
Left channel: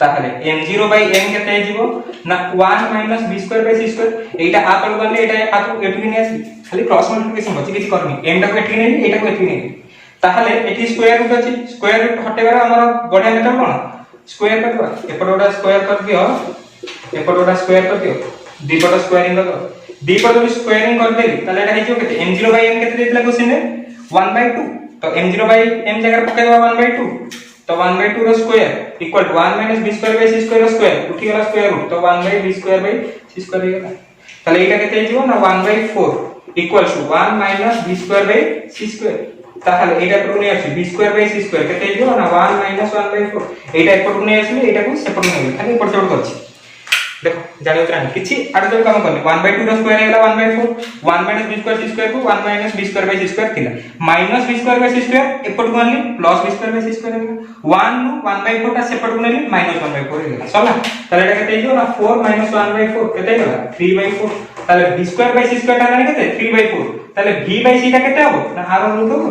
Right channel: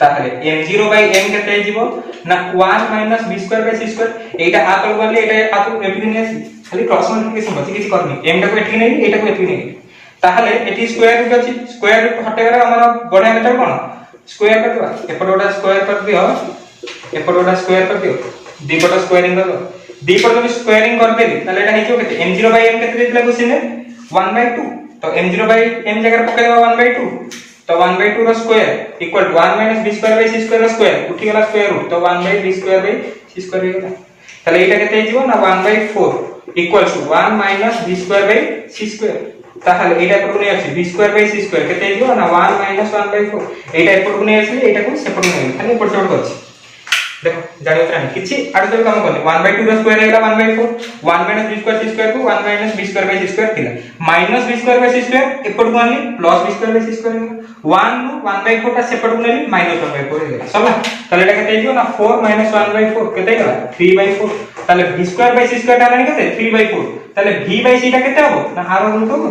ताहले m0/m केते जीवो ना 1 - v²/c²। एटा आ तळ गले एटा आ तो एठी नै आसी खाली क्रॉस मल्टीप्लिकेशन बची किछ करनी m टा को एठी नै एटा को एठी नै ताहले एठी स्क्वायर रूट अछि, स्क्वायर रूट हटेबार हमर बढिया मेथड कोन स्क्वायर कर दिबा। एपट ओटा स्क्वायर कर दियो, एपट ओटा स्क्वायर कर दियो, दीपट स्क्वायरिंग कर दो। दीपट जब स्क्वायरिंग कर देली ताले एटा हिजो केते m0/m केते देतला क्वेश्चन में 1/2 तो m0/m जगह पकाइबा 1/2 तो 1/2 रो स्क्वायर इक्वल 1 - v²/c² रो स्क्वायर उठी गला स्क्वायर रूट तो 1/v²/c² हे गेला। ताले एटा केते हिजो ना 1/4 इक्वल टू 1 - v²/c²। ताहले एटा एपट नै अछि v²/c² केते हिजो ना 1 - 1/4 एटा एपट नै अछि एटा को सेपट नै खाली एपट सेपट करछि। देखो जानि उतरा किछि आडे जब काम करनी 1/2 रो स्क्वायर हेला 1/4 1 - v²/c² को 1 - v²/c² थिला माइनस v²/c² एपट को आनी प्लस v²/c² हेला 1 नु 1/4 ता सेपट को नेली माइनस 1/4 हेला सला। ताले एटा केते हिजो ना 4 - 1/4 केते हेला 3/4। ताले v²/c² ता लानी केते 3/4 ताले v/c ता केते हबो ना r रूट हबो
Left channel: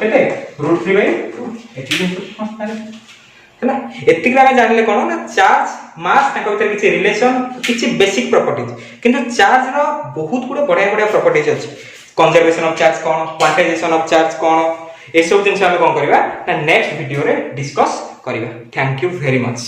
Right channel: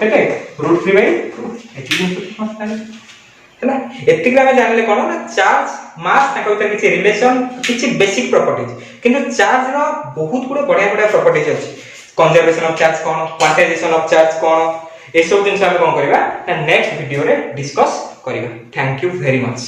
केते √3/2 एति इनपुट मत हैला। एति ग्रा जानले कोन ना चार्ज मास ताको भीतर किछि रिलेशन किछि बेसिक प्रॉपर्टीज किंतु चार्ज रो बहुत गुड बढ़िया बढ़िया प्रॉपर्टीज अछि। कंजर्वेशन ऑफ चार्ज कोन, क्वांटाइजेशन ऑफ चार्ज कोन, ए सब दिन से हम कोन करबा नेक्स्ट वीडियो रे डिस्कस करबा। Thank you very much.